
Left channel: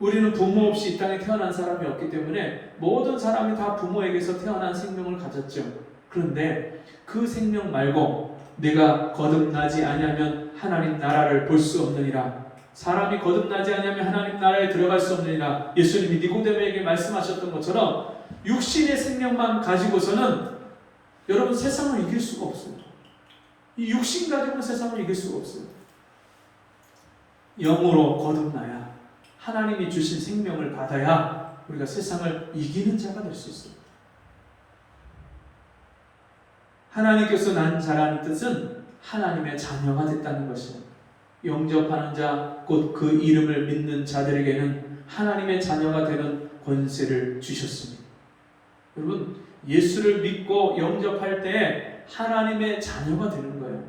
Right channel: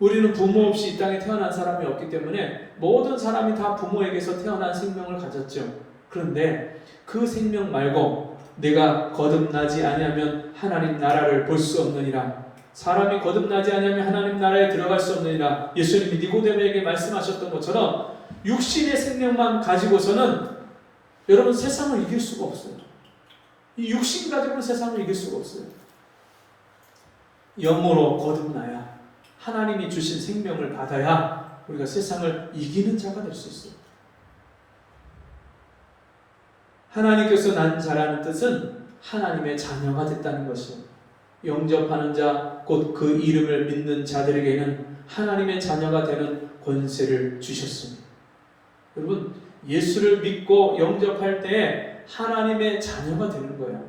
우리는 부모 없이 이 땅에 태어난 사람이 없기 때문에 모든 사람이 다 부모에게서 태어난 생명을 가졌죠. 그런데 그 생명 말고 내가 거듭나지 아니하면 하나님 나라를 볼 수 없느니라. 사람이 거듭나지 아니하면 하나님 나라에 들어갈 수 없느니라. 예수님이 니고데모에게 말씀하셨던 것처럼 육신의 생명만 가지고서는 여러분 세상을 이길 수가 없어요. 이 육신 가지고는 세상을 이길 수가 없어요. 영으로 거듭나야, 하나님이 주신 생명을 받아야 우리가 세상을 이기는 자가 될 수 있어요. 하나님께서 난 자라는 뜻은 하나님의 자녀가 됐다는 것이에요. 영접하는 자, 곧 그 이름을 믿는 자들에게는 하나님의 자녀가 되는 권세를 주셨습니다. 여러분, 예수를 믿고 영접할 때 하나님의 자녀가 되는 거예요.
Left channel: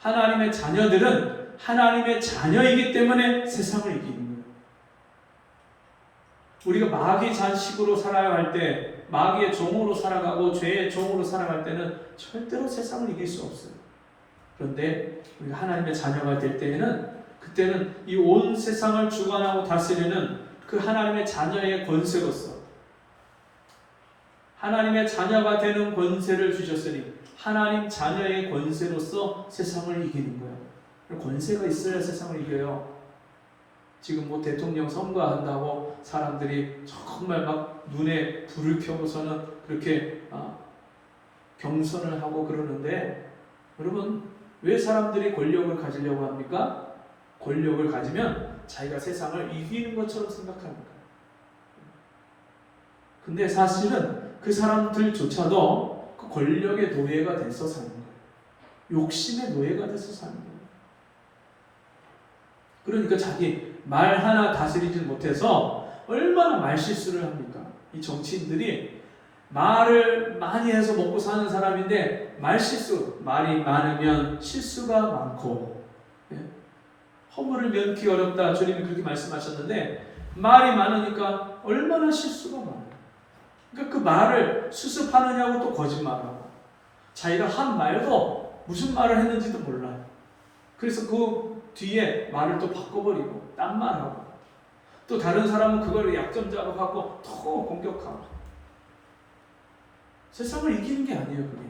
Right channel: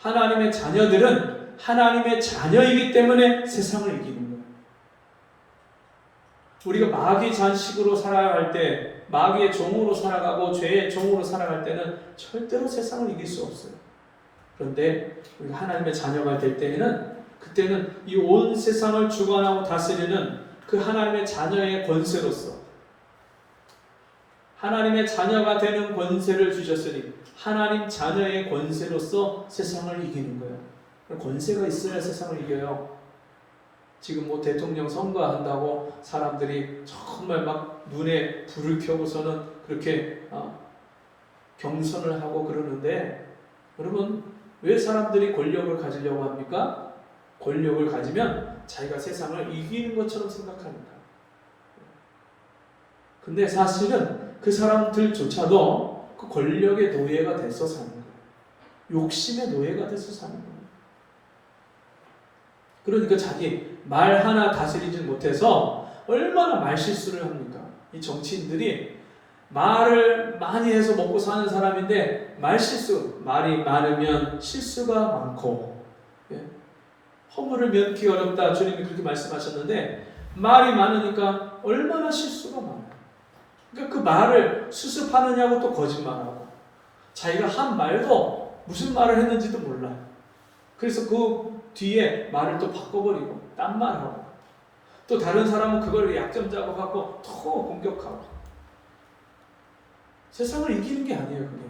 하나님의 자녀들은 하나님의 자녀이기 때문에 세상을 이기는 거예요. 우리가 마귀 잔식으로 살아야 할 때, 마귀의 종으로 살아가고 죄의 종으로 살아갈 때는 절대로 세상을 이길 수 없어요. 그런데 우리가 하나님의 자녀가 될 때에는, 그때는 이 온 세상을 주관하고 다스리는 그 하나님의 자녀의 권세로서, 하나님의 자녀가 되는 권세를 주셨으니 하나님 자녀의 권세로서 세상을 이기는 거예요. 권세가 있어야 세상을 이겨요. 지금 뭐 대통령 선거한다고 사람들이 정말 막 눈에 불을 켜고서는 그렇게 경선을 하고 그러는데, 여러분, 왜 사람들이 권력을 가지려고 합니까? 권력을 가지면 자기가 세상을 이기는 것처럼 생각합니다. 근데 사실은 그 사람들조차도 그 권력의 노예가 돼서 사는 거예요. 욕심의 노예가 돼서 사는 거예요. 그러니까 자기 말 하나 다스리지 못해서 얼마나 말실수를 합니까? 이 정치인들이 말을 많이 해서 먹고 사는 사람인데 말실수, 말이 많으면 실수가 많고, 예? 허물을 면키 어렵다. 주님이 그렇게 말씀하셨는데 말이 많으니까 얼마나 실수가 많아요. 그러니까 그 말을 수습하느냐고 또 거짓말하고, 자기가 한 말도 무슨 말을 했는지도 몰라. 그래서 그 뒤에 말을 또 바꿔버리고 딴 말하고, 또 다른 사람은 그걸 약점 작업하고 또 공격하고. 세상을 이기는 게 아니에요, 그게.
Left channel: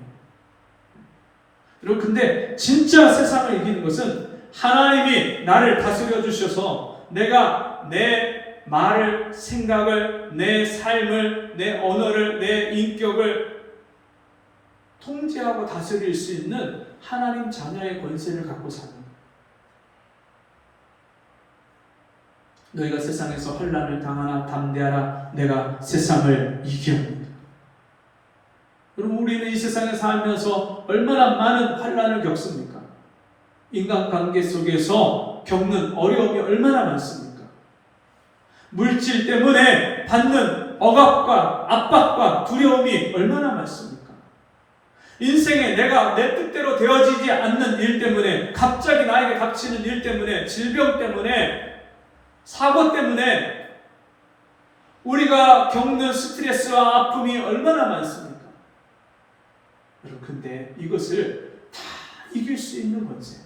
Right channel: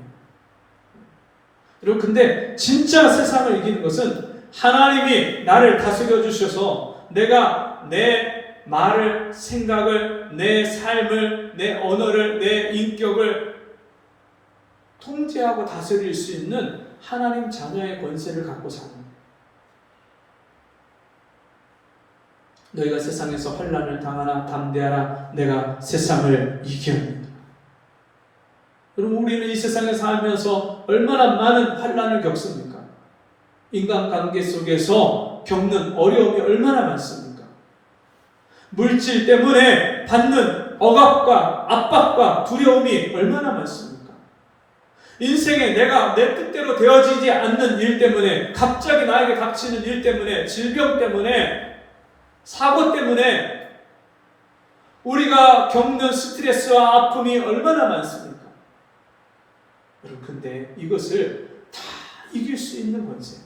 여러분, 근데 진짜 세상을 이기는 것은 하나님이 나를 다스려 주셔서 내가 내 말을, 생각을, 내 삶을, 내 언어를, 내 인격을 통제하고 다스릴 수 있는 하나님 자녀의 권세를 갖고 사는 거예요. 너희가 세상에서 환난을 당하나 담대하라, 내가 세상을 이겼느니라. 여러분, 우리는 이 세상에 살면서 얼마나 많은 환난을 겪습니까? 인간관계 속에서 겪는 어려움이 얼마나 많습니까? 물질 때문에 받는 억압과 압박과 두려움이 얼마나 많습니까? 인생에 내가 내 뜻대로 되어지지 않는 일 때문에, 갑자기 나에게 닥치는 일 때문에, 질병 때문에, 사고 때문에 우리가 겪는 스트레스와 아픔이 얼마나 많습니까? 여러분, 근데 이것을 다 이길 수 있는 권세.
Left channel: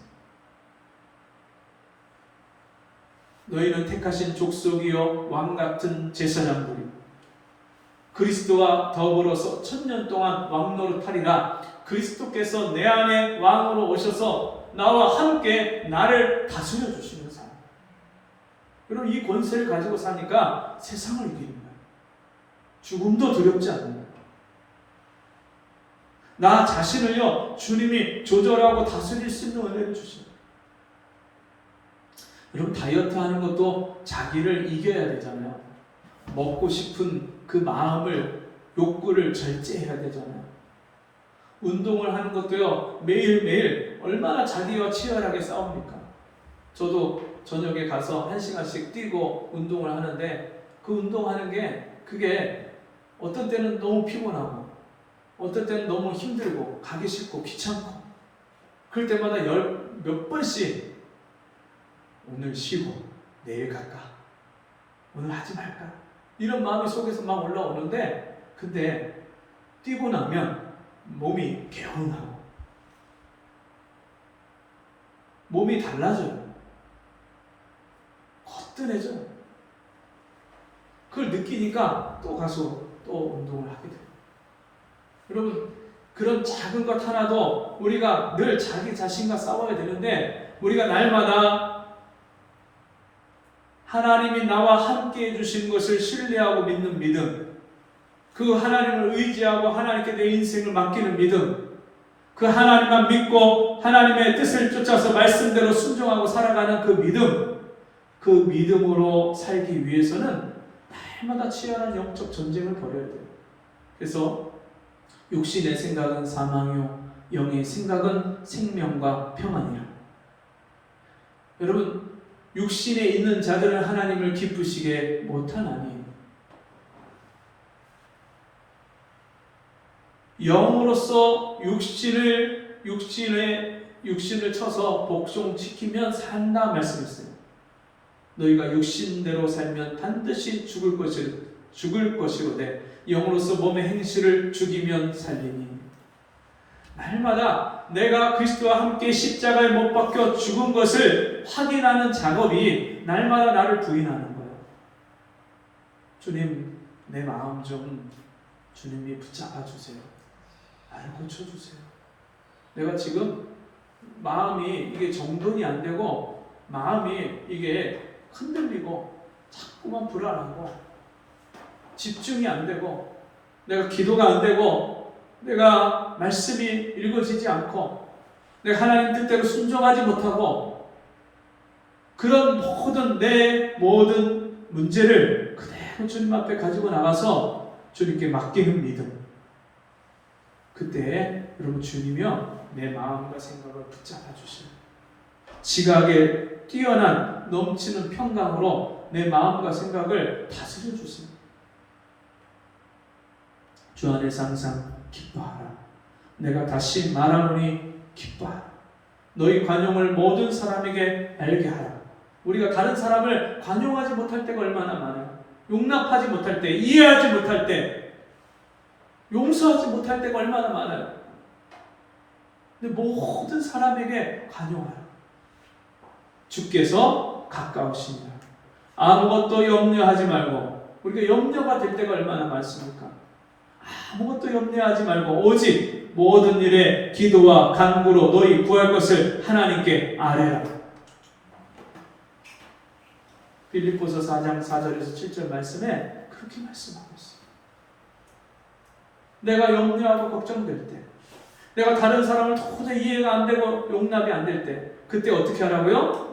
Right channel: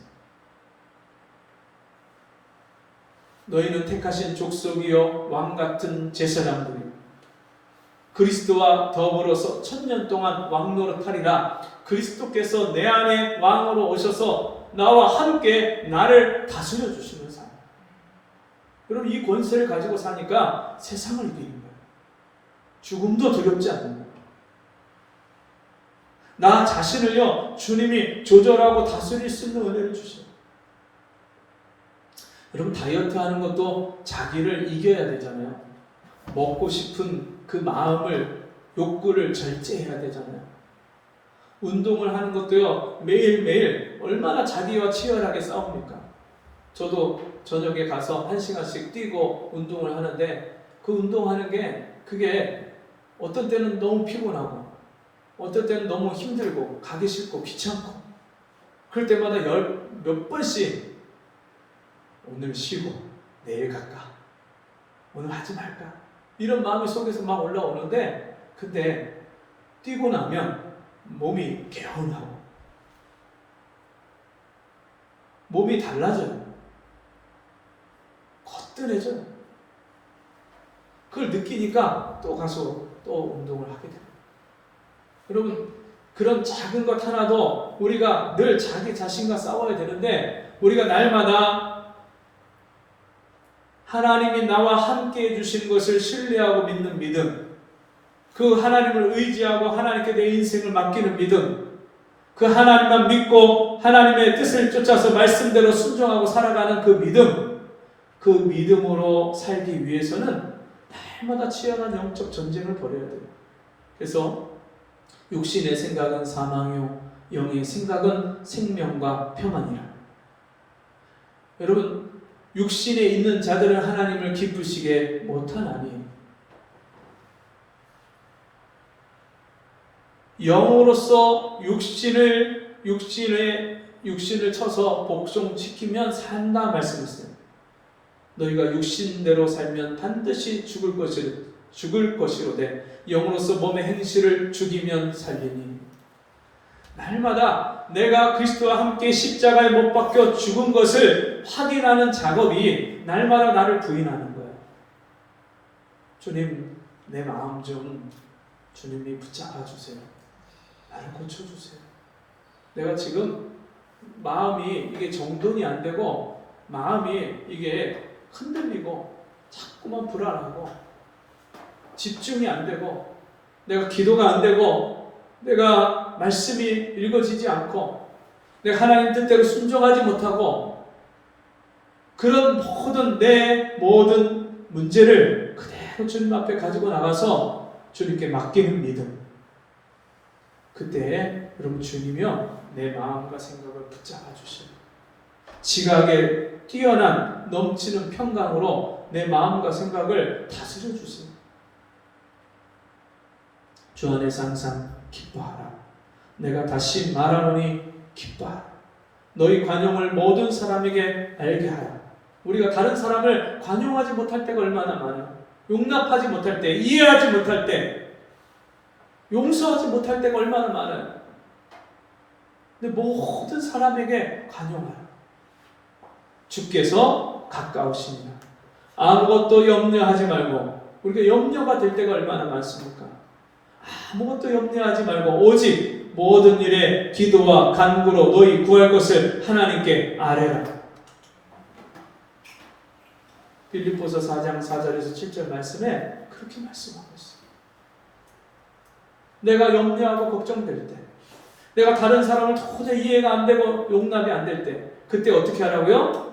너희는 택하신 족속이요 왕 같은 제사장들이요 그리스도와 더불어서 1000년 동안 왕 노릇하리라. 그리스도께서 내 안에 왕으로 오셔서 나와 함께 나를 다스려 주시는 삶. 여러분, 이 권세를 가지고 사니까 세상을 이기는 거예요. 죽음도 두렵지 않는 거예요. 나 자신을요, 주님이 조절하고 다스릴 수 있는 은혜를 주셔요. 여러분, 다이어트 하는 것도 자기를 이겨야 되잖아요. 먹고 싶은 그 마음을, 욕구를 절제해야 되잖아요. 운동을 하는 것도요, 매일매일 얼마나 자기와 치열하게 싸웁니까? 저도 저녁에 가서 1시간씩 뛰고 운동을 하는데, 그 운동하는 게 그게 어떤 때는 너무 피곤하고 어떤 때는 너무 힘들고 가기 싫고 귀찮고, 그럴 때마다 몇 번씩 오늘 쉬고 내일 갈까? 오늘 하지 말까? 이런 마음이 속에서 막 올라오는데, 근데 뛰고 나면 몸이 개운하고 몸이 달라져요. 거뜬해져요. 그걸 느끼니까 또 가서 또 운동을 하게 돼요. 여러분, 그런 작은 것 하나도 우리가 늘 자기 자신과 싸워야 되는데, 우리가 날마다 하나님이 나와 함께 해주신 것을 신뢰하고 믿는 믿음, 그 하나님을 의지하고 하나님께 내 인생을 맡기는 믿음, 그 하나님만 믿고 하나님의 뜻을 쫓아서 말씀대로 순종하고 살아가는 그 믿음, 그 믿음으로 살기 위해서는 날마다 치열한 영적 전쟁을 벌여야 돼요. 그래서 육신의 생각은 사망이요 영의 생각은 생명과 평안이라. 여러분, 육신에 있는 자들은 하나님을 기쁘시게 못하나니 영으로서 육신을 쳐서 복종시키면 산다 말씀했어요. 너희가 육신대로 살면 반드시 죽을 것이로되 영으로서 몸의 행실을 죽이면 살리니. 날마다 내가 그리스도와 함께 십자가에 못 박혀 죽은 것을 확인하는 작업이 날마다 나를 부인하는 거예요. 주님, 내 마음 좀 주님이 붙잡아 주세요. 나를 고쳐주세요. 내가 지금 마음이 이게 정돈이 안 되고 마음이 이게 흔들리고 자꾸만 불안하고 집중이 안 되고 내가 기도가 안 되고 내가 말씀이 읽어지지 않고 내가 하나님 뜻대로 순종하지 못하고, 그런 내 모든 문제를 그대로 주님 앞에 가지고 나가서 주님께 맡기는 믿음. 그때 여러분, 주님이요 내 마음과 생각을 붙잡아 주셔요. 지각에 뛰어난 넘치는 평강으로 내 마음과 생각을 다스려 주세요. 주 안에서 항상 기뻐하라. 내가 다시 말하노니 기뻐하라. 너희 관용을 모든 사람에게 알게 하라. 우리가 다른 사람을 관용하지 못할 때가 얼마나 많아요. 용납하지 못할 때, 이해하지 못할 때, 용서하지 못할 때가 얼마나 많아요. 근데 모든 사람에게 관용하라. 주께서 가까우시니라. 아무것도 염려하지 말고, 우리가 염려가 될 때가 얼마나 많습니까? 아무것도 염려하지 말고 오직 모든 일에 기도와 간구로 너희 구할 것을 하나님께 아뢰라. 빌립보서 4장 4절에서 7절 말씀에 그렇게 말씀하고 있어요. 내가 염려하고 걱정될 때, 내가 다른 사람을 도저히 이해가 안 되고 용납이 안 될 때, 그때 어떻게 하라고요?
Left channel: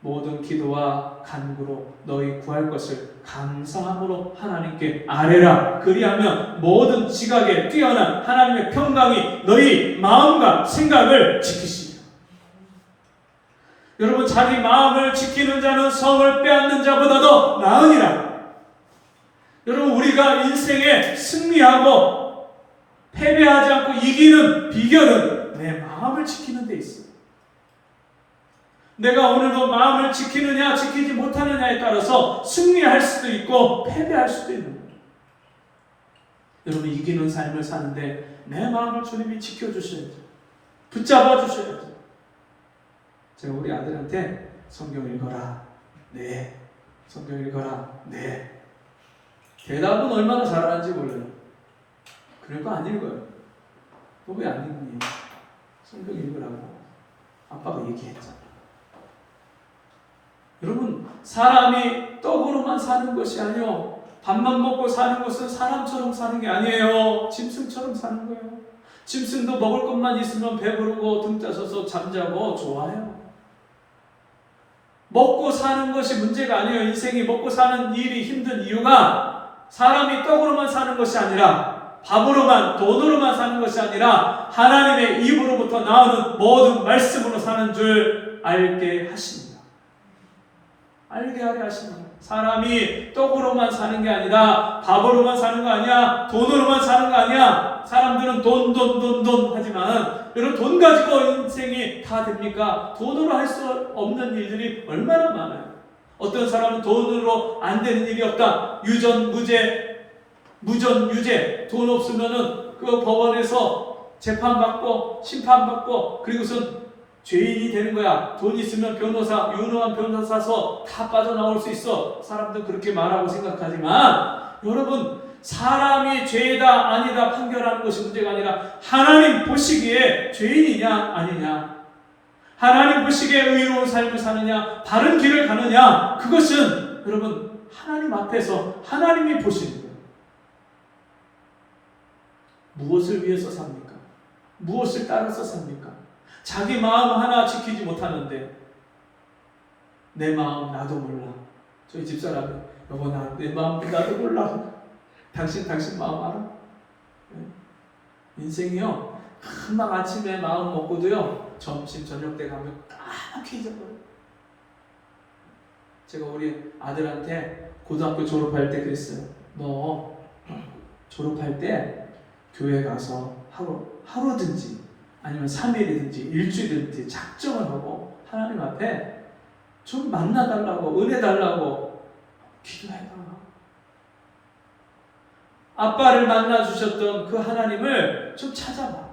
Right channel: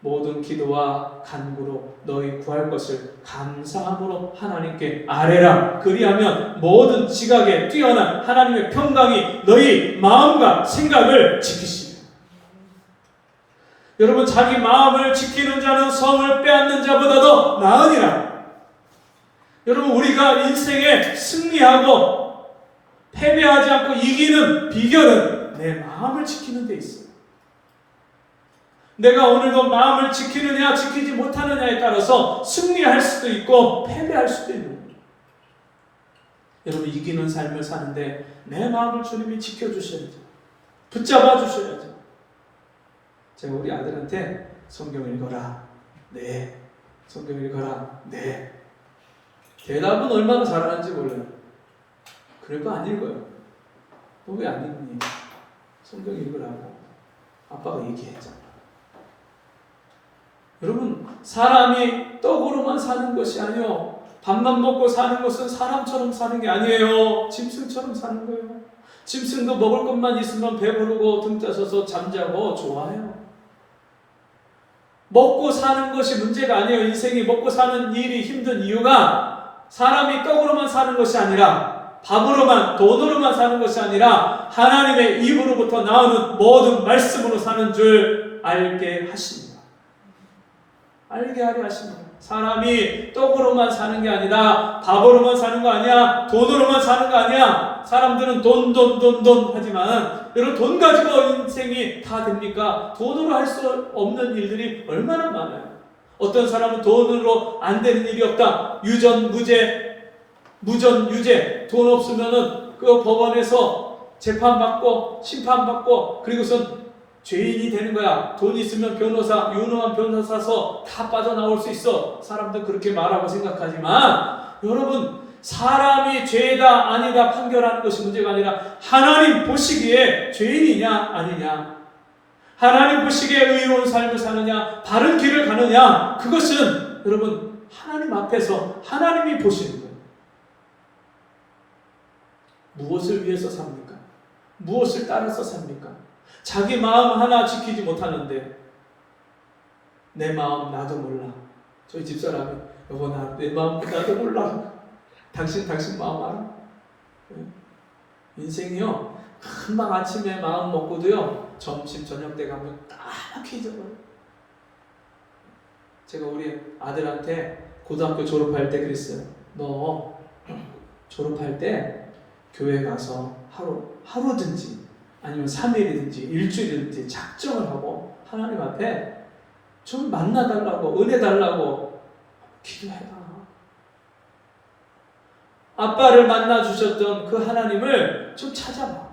모든 기도와 간구로 너희 구할 것을 감사함으로 하나님께 아뢰라. 그리하면 모든 지각에 뛰어난 하나님의 평강이 너희 마음과 생각을 지키시리라. 여러분, 자기 마음을 지키는 자는 성을 빼앗는 자보다도 나으니라. 여러분, 우리가 인생에 승리하고 패배하지 않고 이기는 비결은 내 마음을 지키는 데 있어. 내가 오늘도 마음을 지키느냐 지키지 못하느냐에 따라서 승리할 수도 있고 패배할 수도 있는 거예요. 여러분, 이기는 삶을 사는데 내 마음을 주님이 지켜주셔야죠. 붙잡아 주셔야죠. 제가 우리 아들한테 성경 읽어라. 네. 성경 읽어라. 네. 대답은 얼마나 잘하는지 몰라요. 그럴 거 안 읽어요. 너 왜 안 읽니? 성경 읽으라고 아빠가 얘기했잖아. 여러분, 사람이 떡으로만 사는 것이 아니요, 밥만 먹고 사는 것은 사람처럼 사는 게 아니에요. 짐승처럼 사는 거예요. 짐승도 먹을 것만 있으면 배부르고 등 따서서 잠자고 좋아해요. 먹고 사는 것이 문제가 아니에요. 인생이 먹고 사는 일이 힘든 이유가 사람이 떡으로만 사는 것이 아니라, 밥으로만, 돈으로만 사는 것이 아니라 하나님의 입으로부터 나오는 모든 말씀으로 사는 줄 알게 하십니다. 알게 하려 하십니다. 사람이 떡으로만 사는 게 아니라 밥으로만 사는 거 아니야. 돈으로만 사는 거 아니야. 사람들은 돈 하지만 여러분, 돈 가지고 인생이 다 됩니까? 돈으로 할 수 없는 일들이 얼마나 많아요. 어떤 사람은 돈으로 안 되는 일이 없다. 유전, 무전, 유죄. 돈 없으면은 그 법원에서 재판받고 심판받고 그리고선 죄인이 되는 거야. 돈 있으면 변호사, 유능한 변호사 사서 다 빠져나올 수 있어. 사람들 그렇게 말하고 생각하지만, 여러분, 사람이 죄다 아니다 판결하는 것이 문제가 아니라 하나님 보시기에 죄인이냐 아니냐, 하나님 보시기에 의로운 삶을 사느냐 바른 길을 가느냐, 그것은 여러분 하나님 앞에서 하나님이 보시는 거예요. 무엇을 위해서 삽니까? 무엇을 따라서 삽니까? 자기 마음 하나 지키지 못하는데 내 마음 나도 몰라. 저희 집사람이 여보 내 마음 나도 몰라. 당신 마음 알아? 인생이요, 금방 아침에 마음 먹고도요 점심 저녁 때 가면 까맣게 잊어버려요. 제가 우리 아들한테 고등학교 졸업할 때 그랬어요. 너 졸업할 때 교회 가서 하루든지 아니면 3일이든지 일주일이든지 작정을 하고 하나님 앞에 좀 만나달라고, 은혜 달라고 기도해봐. 아빠를 만나주셨던 그 하나님을 좀 찾아봐.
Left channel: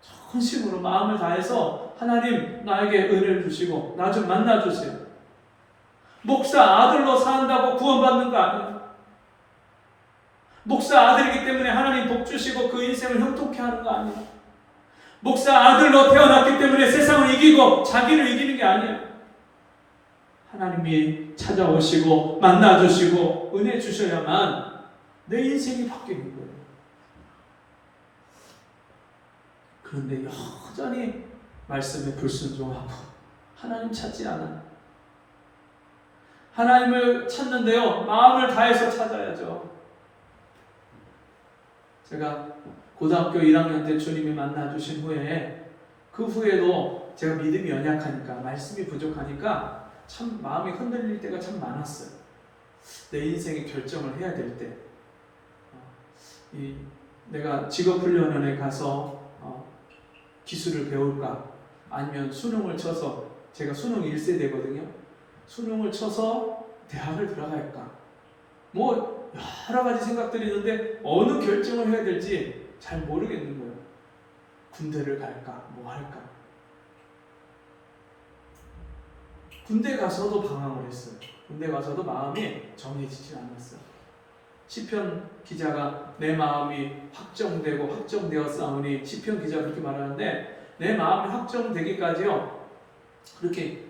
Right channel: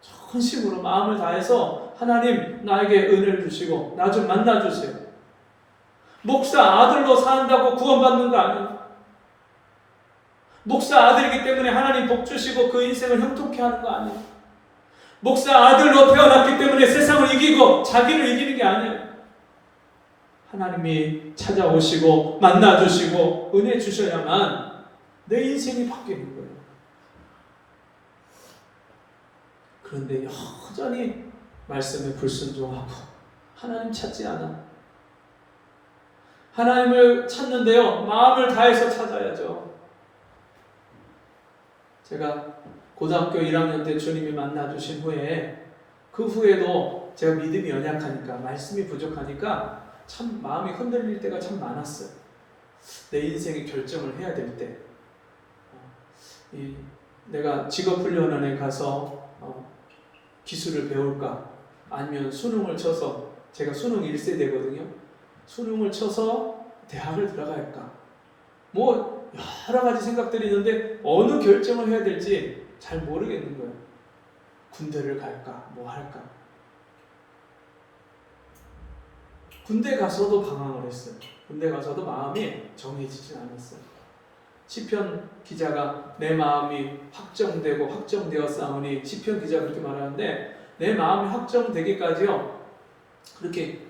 전심으로 마음을 다해서 하나님 나에게 은혜를 주시고 나 좀 만나주세요. 목사 아들로 산다고 구원받는 거 아니에요. 목사 아들이기 때문에 하나님 복 주시고 그 인생을 형통케 하는 거 아니에요. 목사 아들로 태어났기 때문에 세상을 이기고 자기를 이기는 게 아니에요. 하나님이 찾아오시고 만나주시고 은혜 주셔야만 내 인생이 바뀌는 거예요. 그런데 여전히 말씀에 불순종하고 하나님 찾지 않아. 하나님을 찾는데요, 마음을 다해서 찾아야죠. 제가 고등학교 1학년 때 주님이 만나주신 후에 그 후에도 제가 믿음이 연약하니까, 말씀이 부족하니까 참 마음이 흔들릴 때가 참 많았어요. 내 인생의 결정을 해야 될 때 내가 직업훈련원에 가서 기술을 배울까? 아니면 수능을 쳐서, 제가 수능 1세대거든요. 수능을 쳐서 대학을 들어가야 할까? 뭐 여러 가지 생각들이 있는데 어느 결정을 해야 될지 잘 모르겠는 거예요. 군대를 갈까? 뭐 할까? 군대 가서도 방황을 했어요. 군대 가서도 마음이 정해지지 않았어요. 시편 기자가 내 마음이 확정되고 확정되었사오니, 시편 기자가 그렇게 말하는데, 내 마음이 확정되기까지요 그렇게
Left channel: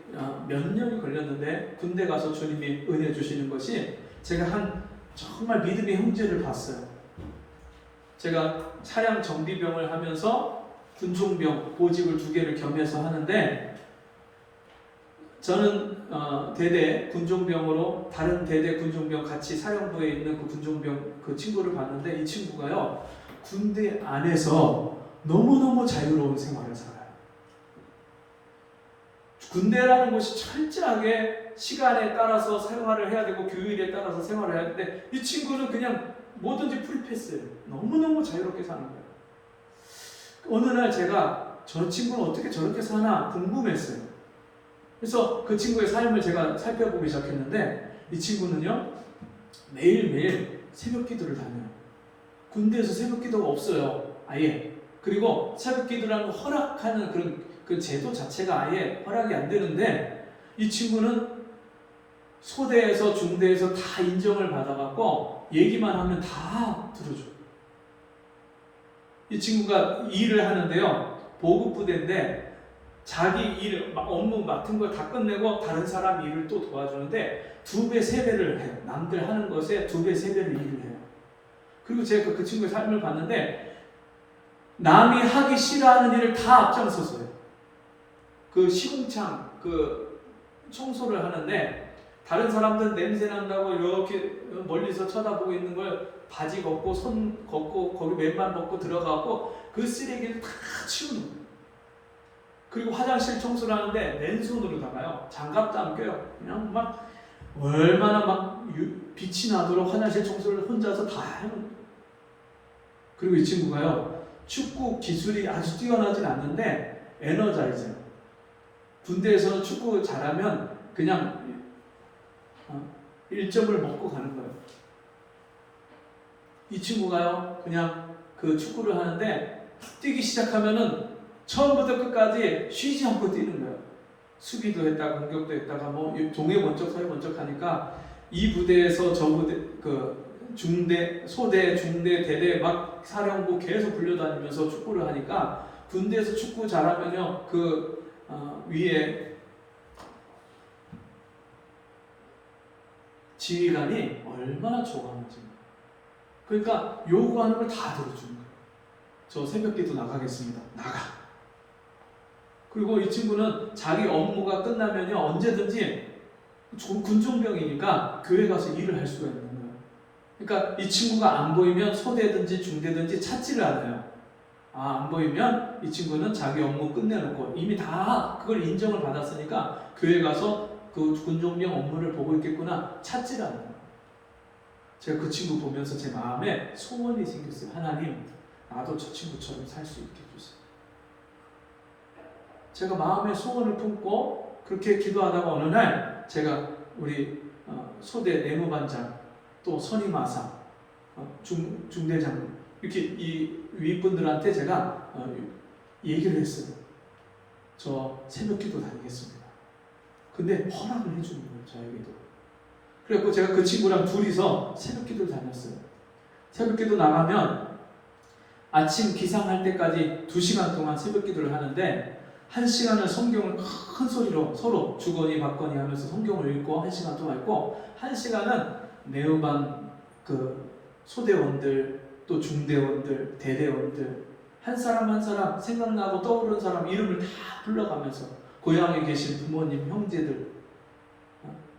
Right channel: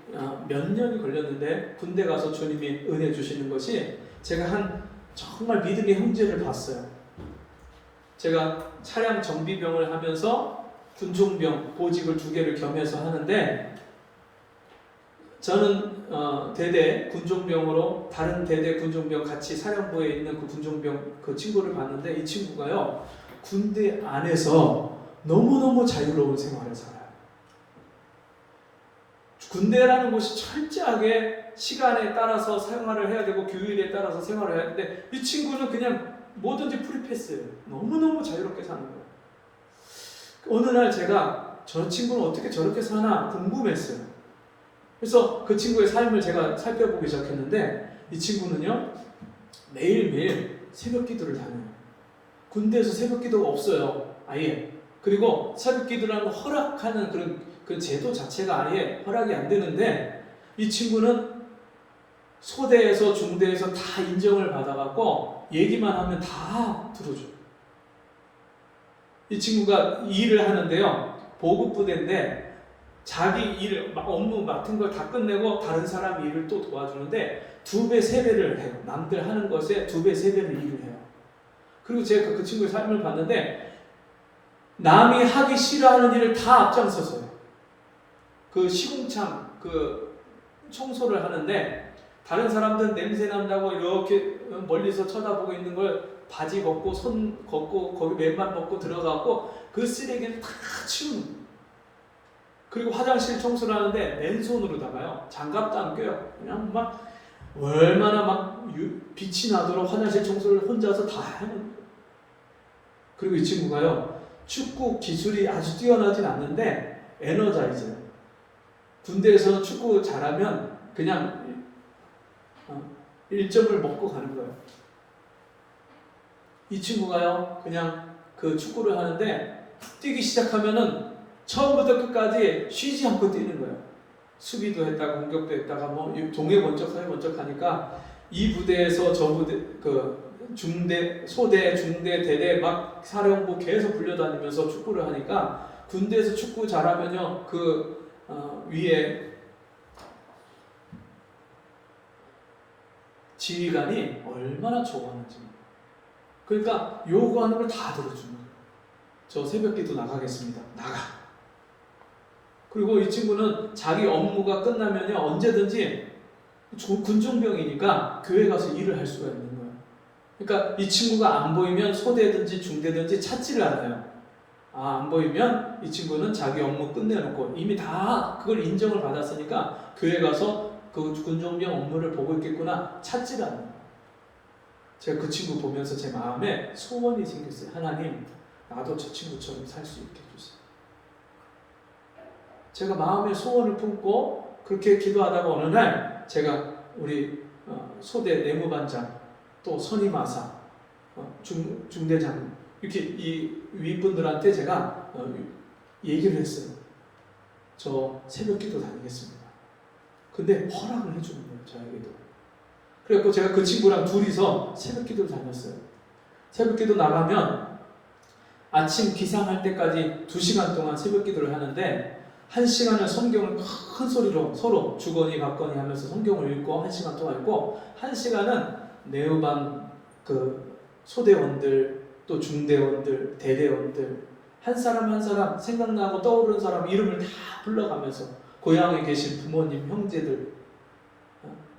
몇 년이 걸렸는데, 군대 가서 주님이 은혜 주시는 것이, 제가 한 정말 믿음의 형제를 봤어요. 제가 차량 정비병을 하면서 군종병 보직을 2개를 겸해서 하는데, 저는 대대 군종병으로 다른 대대 군종병 같이 사령부에 있는 그 군종병 그 친구를 봤는데, 이 친구가요 군대 안에서 너무너무 자유로운 생활을 살아요. 군대라는 곳이 철저하게 시간에 따라서 생활을 해야 되고 교율에 따라서 생활을 해야 되는데, 이 친구는 그냥 뭐든지 프리패스예요. 너무너무 자유롭게 사는 거예요. 어느 날 제가 저 친구는 어떻게 저렇게 사나 궁금했어요. 그래서 그 친구의 삶을 제가 살펴보기 시작했는데, 이 친구는요 매일매일 새벽 기도를 다녀요. 군대에서 새벽 기도가 없어요, 아예. 그리고 새벽 기도라는 허락하는 그런 그 제도 자체가 아예 허락이 안 되는데, 이 친구는 소대에서 중대에서 다 인정을 받아갖고 얘기만 하면 다 들어줘요. 이 친구가 일을 하는데요, 보급부대인데 자기 일, 업무 맡은 걸 다 끝내고 다른 사람 일을 또 도와주는데 2배, 3배를 해요. 남들 하는 것에 2배, 3배를 일을 해요. 그리고 제가 그 친구의 삶을 봤는데, 남이 하기 싫어하는 일을 다 앞장서서 해요. 그 시궁창 그 청소를 하는데, 다른 사람들은 냄새 난다고 이렇게 멀리서 쳐다보고 있는 걸 바지 걷고 손 걷고 거기 맨만 벗고 들어가고 그 쓰레기를 다 치우는 거예요. 그리고 화장실 청소를 하는데 맨손으로다가요 장갑도 안 껴요. 그냥 막 얼마나 막 빛이 나도록 화장실 청소를 혼자서 다 하는 거예요. 그리고 이 친구가요 축구 기술이 아주 뛰어나진 않는데 에너자이저예요. 군대에서 축구 잘하면 그냥 1점을 먹고 가는 거예요. 이 친구가요 그냥 그 축구를 하는데 뛰기 시작하면은 처음부터 끝까지 쉬지 않고 뛰는 거예요. 수비도 했다가 공격도 했다가 뭐 동해 번쩍 서해 번쩍 하니까, 이 부대에서 저 부대 그 중대, 소대, 중대, 대대 막 사령부 계속 불려다니면서 축구를 하니까, 군대에서 축구 잘하면요 그 위에 지휘관이 얼마나 좋아하는지. 그러니까 요구하는 걸 다 들어주는 거예요. 저 새벽기도 나가겠습니다. 나가. 그리고 이 친구는 자기 업무가 끝나면요 언제든지 군종병이니까 교회 가서 일을 할 수가 있는 거예요. 그러니까 이 친구가 안 보이면 소대든지 중대든지 찾지를 않아요. 안 보이면 이 친구는 자기 업무 끝내놓고 이미 다 그걸 인정을 받았으니까 교회 가서 그 군종병 업무를 보고 있겠구나 찾지를 않아요. 제가 그 친구 보면서 제 마음에 소원이 생겼어요. 하나님, 나도 저 친구처럼 살 수 있게 해주세요. 제가 마음에 소원을 품고 그렇게 기도하다가 어느 날 제가 우리 소대 내무반장, 또 선임하사, 중대장 이렇게 이 윗분들한테 제가 얘기를 했어요. 저 새벽기도 다니겠습니다. 근데 허락을 해주는 거예요, 저에게도. 그래서 제가 그 친구랑 둘이서 새벽기도를 다녔어요. 새벽기도 나가면 아침 기상할 때까지 2시간 동안 새벽기도를 하는데, 1시간을 성경을 큰 소리로 서로 주거니 받거니 하면서 성경을 읽고 1시간 동안 읽고, 1시간은 내후반 그 소대원들, 또 중대원들, 대대원들 한 사람 한 사람 생각나고 떠오르는 사람 이름을 다 불러가면서, 고향에 계신 부모님, 형제들,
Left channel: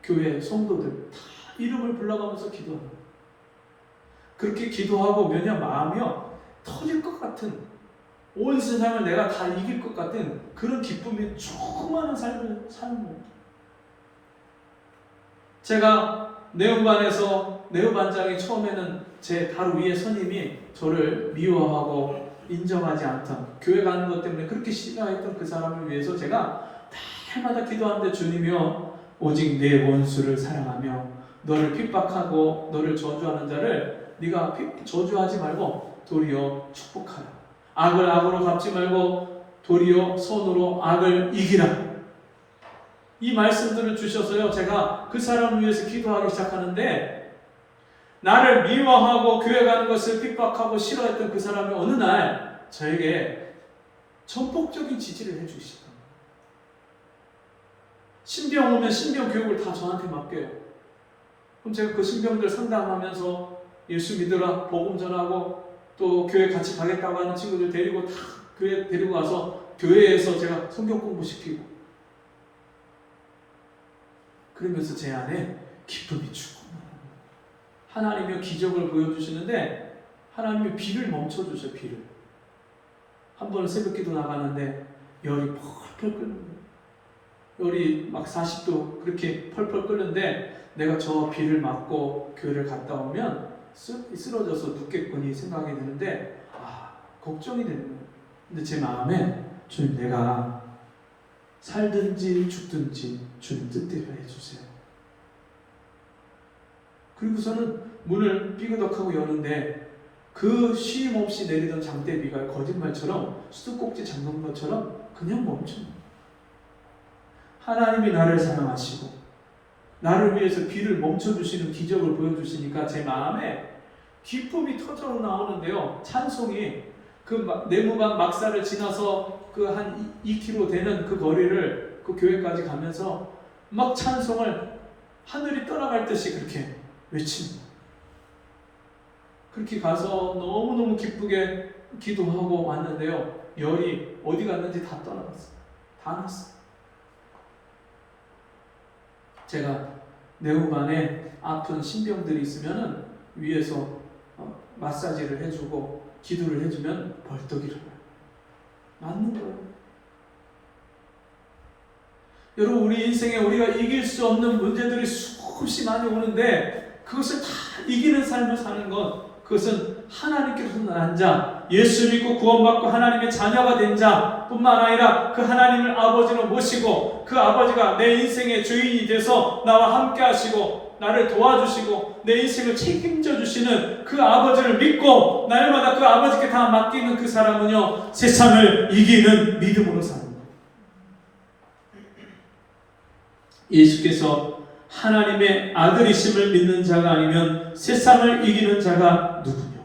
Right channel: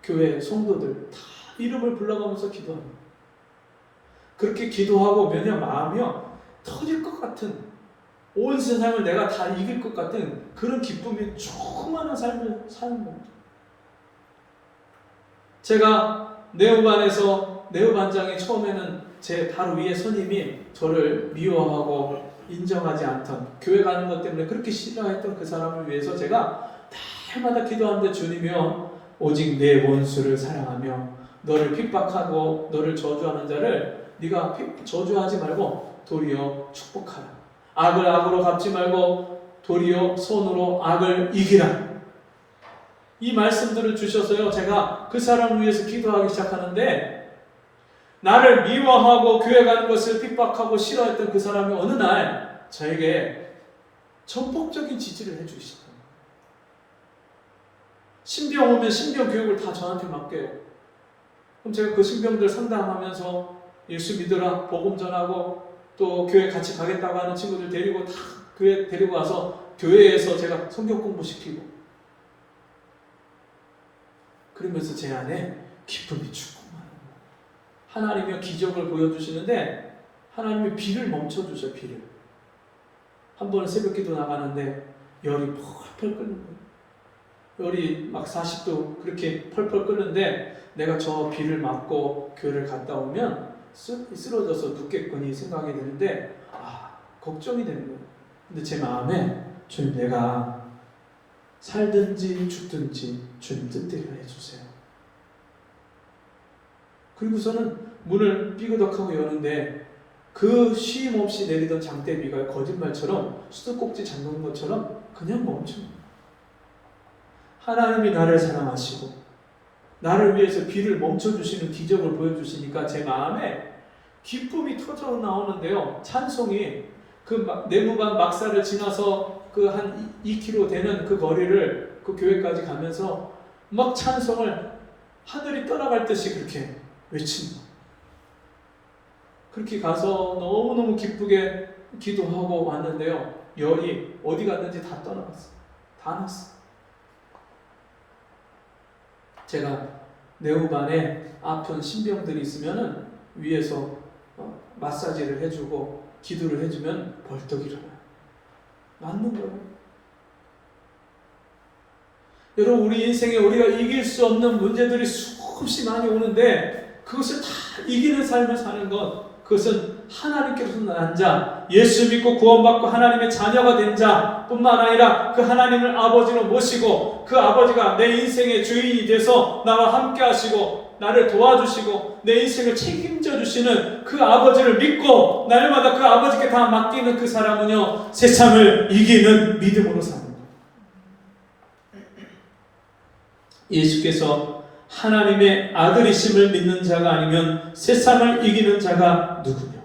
교회 성도들 다 이름을 불러가면서 기도하는 거예요. 그렇게 기도하고 뭐냐, 마음이요 터질 것 같은, 온 세상을 내가 다 이길 것 같은 그런 기쁨이 충만한 삶을 사는 거예요. 제가 내후반에서, 내후반장이 처음에는 제 바로 위에 선임이 저를 미워하고 인정하지 않던, 교회 가는 것 때문에 그렇게 싫어했던 그 사람을 위해서 제가 날마다 기도하는데, 주님이여 오직 내 원수를 사랑하며 너를 핍박하고 너를 저주하는 자를 네가 저주하지 말고 도리어 축복하라. 악을 악으로 갚지 말고 도리어 손으로 악을 이기라. 이 말씀들을 주셔서요, 제가 그 사람을 위해서 기도하기 시작하는데, 나를 미워하고 교회 가는 것을 핍박하고 싫어했던 그 사람이 어느 날 저에게 전폭적인 지지를 해주기 시작합니다. 신병 오면 신병 교육을 다 저한테 맡겨요. 그럼 제가 그 신병들 상담하면서 예수 믿으라, 복음 전하고, 또 교회 같이 가겠다고 하는 친구들 데리고 다 교회 데리고 와서 교회에서 제가 성경 공부시키고, 그러면서 제 안에 기쁨이 충만해요. 하나님의 기적을 보여주시는데 하나님이 비를 멈춰주셔요. 비를. 한 번은 새벽기도 나가는데 열이 펄펄 끓는 거예요. 열이 막 40도 그렇게 펄펄 끓는데, 내가 저 비를 맞고 교회를 갔다 오면 쓰러져서 눕겠거니 생각이 드는데, 걱정이 되는 거예요. 근데 제 마음에, 주님, 내가 살든지 죽든지 주님 뜻대로 해주세요. 그리고서는 문을 삐그덕하고 여는데 그 쉼 없이 내리던 장대비가 거짓말처럼 수도꼭지 잠그는 것처럼 그냥 멈춥니다. 하나님이 나를 사랑하시고 나를 위해서 비를 멈춰주시는 기적을 보여주시니까 제 마음에 기쁨이 터져 나오는데요. 찬송이 그 내무반 막사를 지나서 그 한 2km 되는 그 거리를 그 교회까지 가면서 막 찬송을 하늘이 떠나갈 듯이 그렇게 외칩니다. 그렇게 가서 너무너무 기쁘게 기도하고 왔는데요. 열이 어디 갔는지 다 떠나갔어요. 다 났어요. 제가 내후반에 아픈 신병들이 있으면은 위에서 마사지를 해주고 기도를 해주면 벌떡 일어나요. 맞는 거예요. 여러분, 우리 인생에 우리가 이길 수 없는 문제들이 수없이 많이 오는데 그것을 다 이기는 삶을 사는 것, 그것은 하나님께서 난 자, 예수 믿고 구원받고 하나님의 자녀가 된 자뿐만 아니라 그 하나님을 아버지로 모시고 그 아버지가 내 인생의 주인이 돼서 나와 함께 하시고 나를 도와주시고 내 인생을 책임져 주시는 그 아버지를 믿고 날마다 그 아버지께 다 맡기는 그 사람은요, 세상을 이기는 믿음으로 삽니다. 예수께서 하나님의 아들이심을 믿는 자가 아니면 세상을 이기는 자가 누구냐?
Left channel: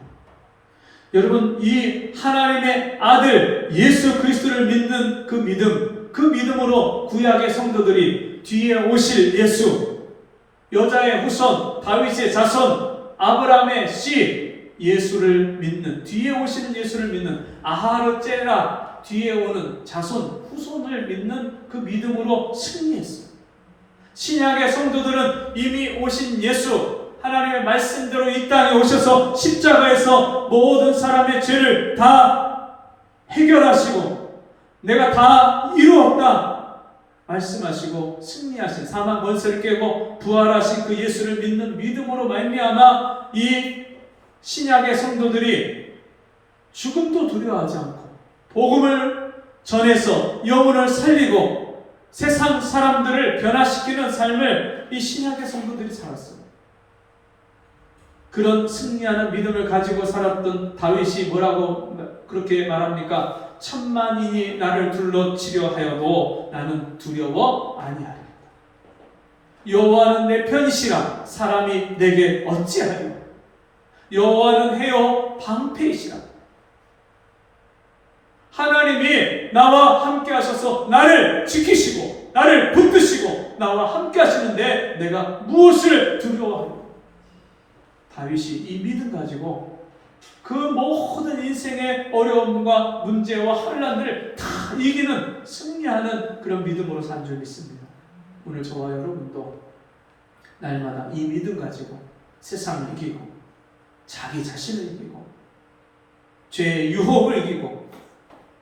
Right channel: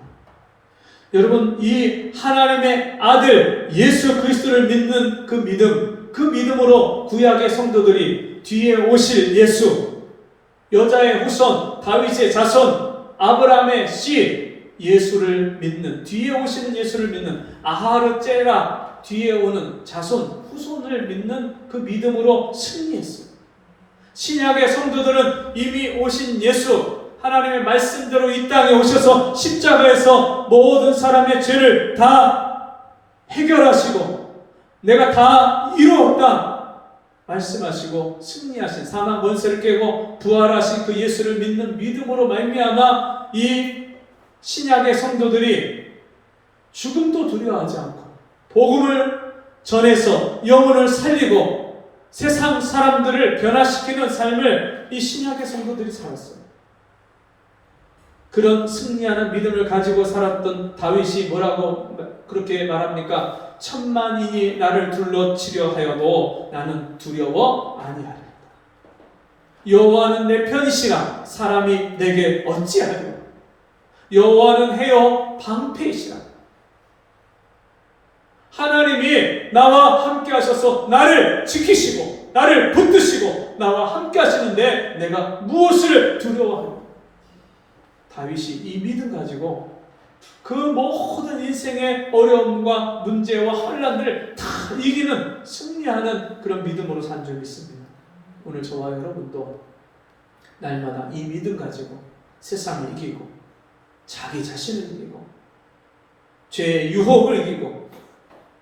여러분, 이 하나님의 아들 예수 그리스도를 믿는 그 믿음, 그 믿음으로 구약의 성도들이 뒤에 오실 예수, 여자의 후손, 다윗의 자손, 아브라함의 씨 예수를 믿는, 뒤에 오시는 예수를 믿는, 아하르제라 뒤에 오는 자손, 후손을 믿는 그 믿음으로 승리했어요. 신약의 성도들은 이미 오신 예수, 하나님의 말씀대로 이 땅에 오셔서 십자가에서 모든 사람의 죄를 다 해결하시고 내가 다 이루었다 말씀하시고 승리하신, 사망 권세를 깨고 부활하신 그 예수를 믿는 믿음으로 말미암아 이 신약의 성도들이 죽음도 두려워하지 않고 복음을 전해서 영혼을 살리고 세상 사람들을 변화시키는 삶을 이 신약의 성도들이 살았어요. 그런 승리하는 믿음을 가지고 살았던 다윗이 뭐라고 그렇게 말합니까? 천만인이 나를 둘러치려 하여도 나는 두려워 아니하리라. 여호와는 내 편이시라 사람이 내게 어찌하리요. 여호와는 해요 방패이시라. 하나님이 나와 함께 하셔서 나를 지키시고 나를 붙드시고 나와 함께 하시는데 내가 무엇을 두려워하리요. 다윗이 이 믿음 가지고 그 모든 인생의 어려움과 문제와 혼란들을 다 이기는, 승리하는 그런 믿음으로 산 줄 믿습니다. 오늘 저와 여러분도 날마다 이 믿음 가지고 세상을 이기고 자기 자신을 이기고 죄의 유혹을 이기고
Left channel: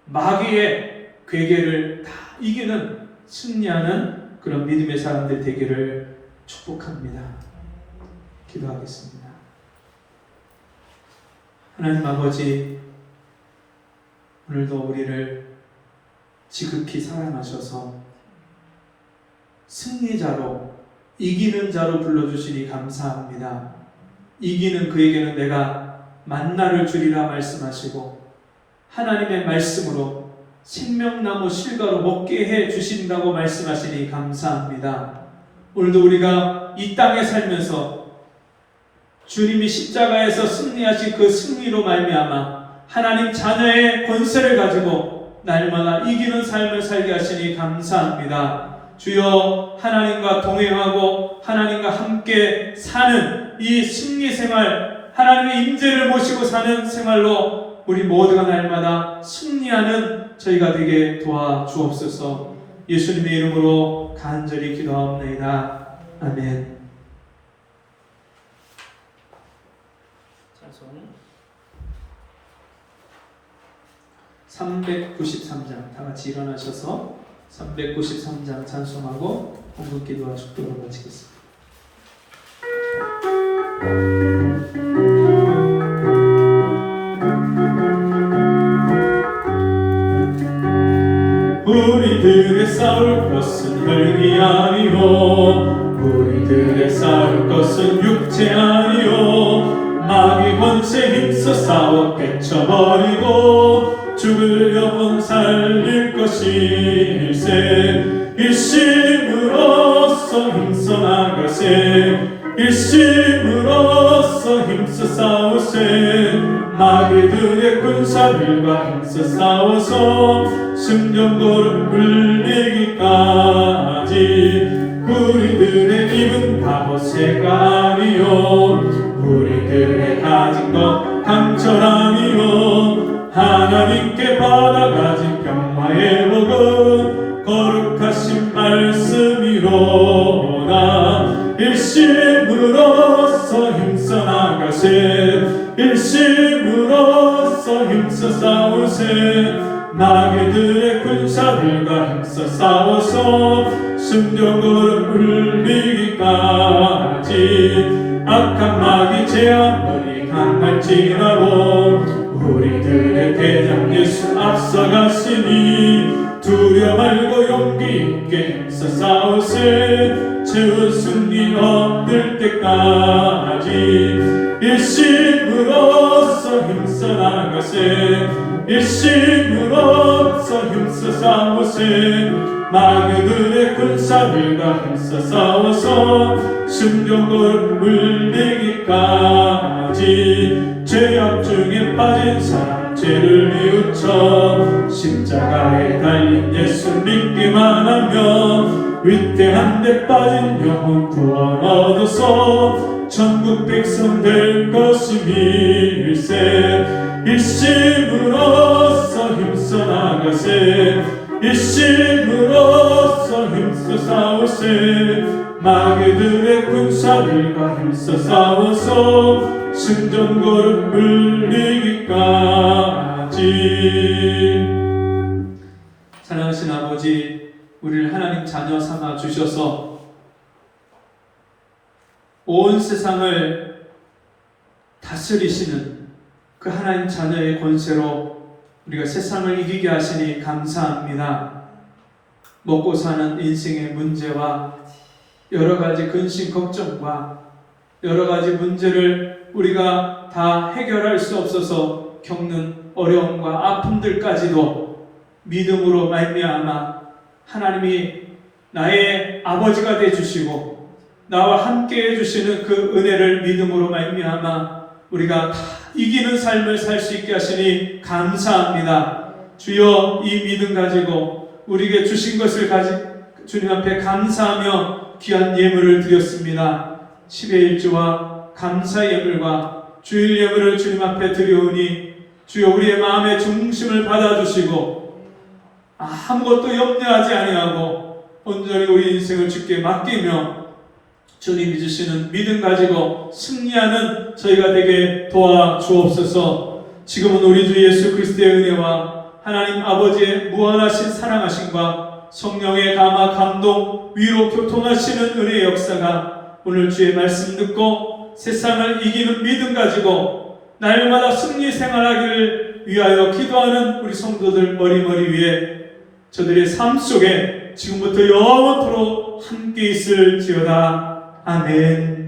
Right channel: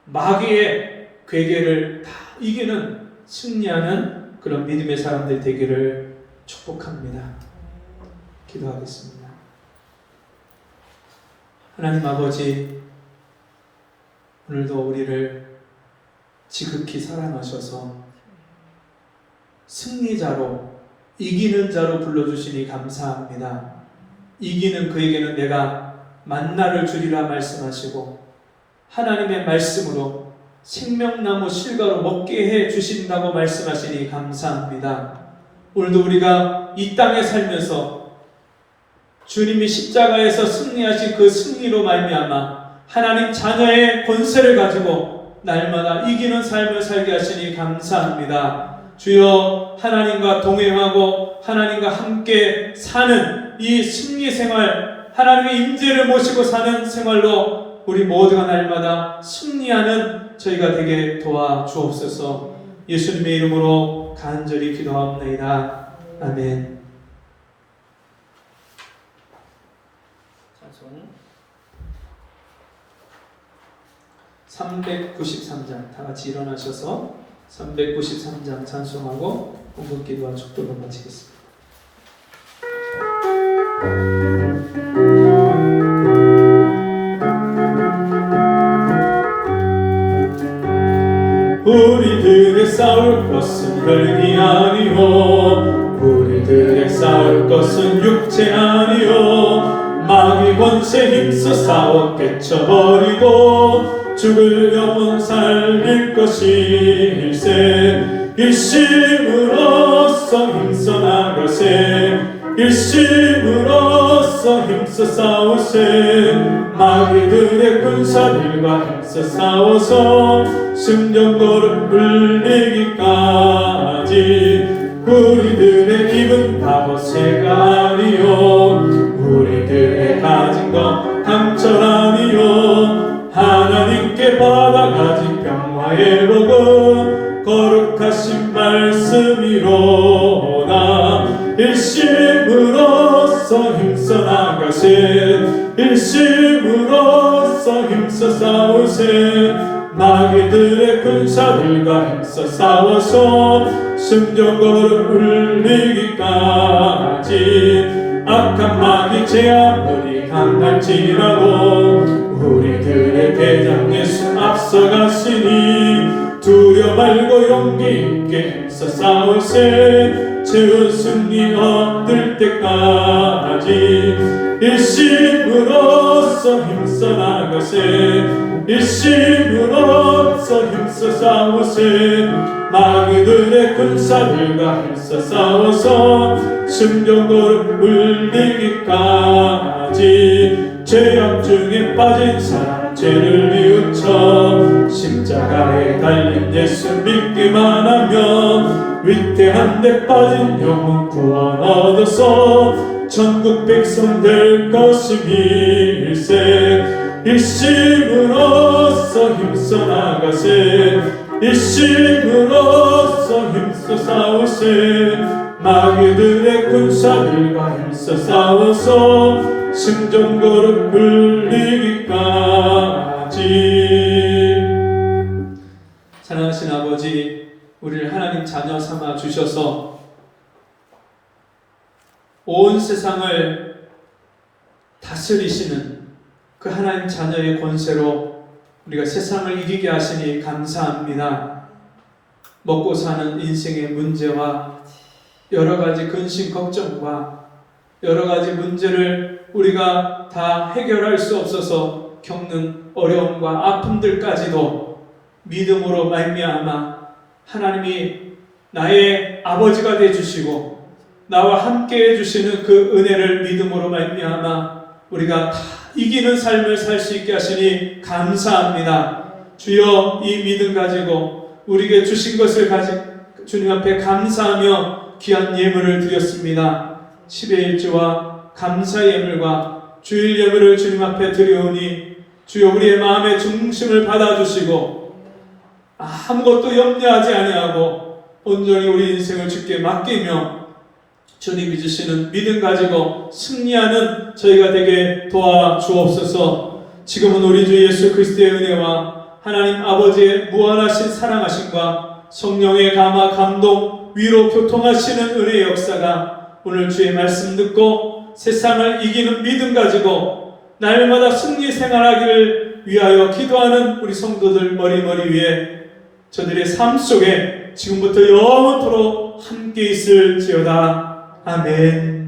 마귀의 괴계를 다 이기는, 승리하는 그런 믿음의 사람들 되기를 축복합니다. 기도하겠습니다. 하나님 아버지, 오늘도 우리를 지극히 사랑하셔서 승리자로, 이기는 자로 불러주시니 감사합니다. 이기는 그에게는 내가 만나를 주리라 말씀하시고 하나님의 말씀으로 생명나무 실과로 먹게 해 주신다고 말씀하시니 감사합니다. 오늘도 우리가 이 땅에 살면서 주님이 십자가에서 승리하신 그 승리로 말미암아 하나님 자녀의 권세를 가지고 날마다 이기는 삶을 살게 하시니 감사합니다. 주여, 하나님과 동행하고 하나님과 함께 사는 이 승리 생활, 하나님의 임재를 모시고 사는 생활로 우리 모두가 날마다 승리하는 저희가 되게 도와주옵소서. 예수님의 이름으로 간절히 기도하옵나이다. 아멘. 찬송 393장 다 같이 일어나셔서 393장 찬송하고 공급기도와 축도를 마치겠습니다. 우리들의 싸울 것은 혈기 아니요, 우리들의 싸울 것은 육체 아니요, 마귀 권세 힘써 싸워 깨쳐버리고 죽을 영혼 살릴 것일세. 일심으로써 힘써 나가세, 일심으로써 힘써 싸우세. 마귀들의 군사들과 힘써 싸워서 승전거를 울리기까지. 우리들의 입은 바로 새가 아니요, 우리들의 가진 것 강철 아니요, 하나님께 받아가진 평화의 복은 거룩하신 말씀이로다. 일심으로써 힘써 나가세, 일심으로써 힘써 싸우세. 마귀들의 군사들과 힘써 싸워서 승전거를 울리기까지. 악한 마귀 재앙들이 강할지라도 우리들의 대장 예수 앞서가시니 두려 말고 용기 있게 힘써 싸우세. 최후 승리 얻을 때까지. 일심으로써 힘써 나가세, 일심으로써 힘써 싸우세. 마귀들의 군사들과 힘써 싸워서 승전거를 울리기까지. 죄악 중에 빠진 사람 죄를 뉘우쳐 십자가에 달린 예수 믿기만 하면 위태한 데 빠진 영혼 구원 얻어서 천국 백성 될 것임일세. 일심으로써 힘써 나가세, 일심으로써 힘써 싸우세. 마귀들의 군사들과 힘써 싸워서 승전거를 울리기까지. 사랑하신 아버지, 우리를 하나님 자녀 삼아 주셔서 온 세상을 다스리시는 그 하나님 자녀의 권세로 우리가 세상을 이기게 하시니 감사합니다. 먹고 사는 인생의 문제와 여러 가지 근심 걱정과 여러 가지 문제를 우리가 다 해결할 수 없어서 겪는 어려움과 아픔들까지도 믿음으로 말미암아 하나님이 나의 아버지가 되어주시고 나와 함께 해주시는 그 은혜를 믿음으로 말미암아 우리가 다 이기는 삶을 살 수 있게 하시니 감사합니다. 주여, 이 믿음 가지고 우리에게 주신 것을 주님 앞에 감사하며 귀한 예물을 드렸습니다. 10의 일주와 감사의 예물과 주일 예물을 주님 앞에 드려오니 주여, 우리의 마음의 중심을 받아주시고 아무것도 염려하지 아니하고 온전히 우리 인생을 주께 맡기며 주님이 주시는 믿음 가지고 승리하는 저희가 되게 도와주옵소서. 지금은 우리 주 예수 그리스도의 은혜와 하나님 아버지의 무한하신 사랑하심과 성령의 감화 감동 위로 교통하시는 은혜의 역사가 오늘 주의 말씀 듣고 세상을 이기는 믿음 가지고 날마다 승리 생활하기를 위하여 기도하는 우리 성도들 머리머리 위에 저들의 삶 속에 지금부터 영원토록 함께 있을지어다. 아멘.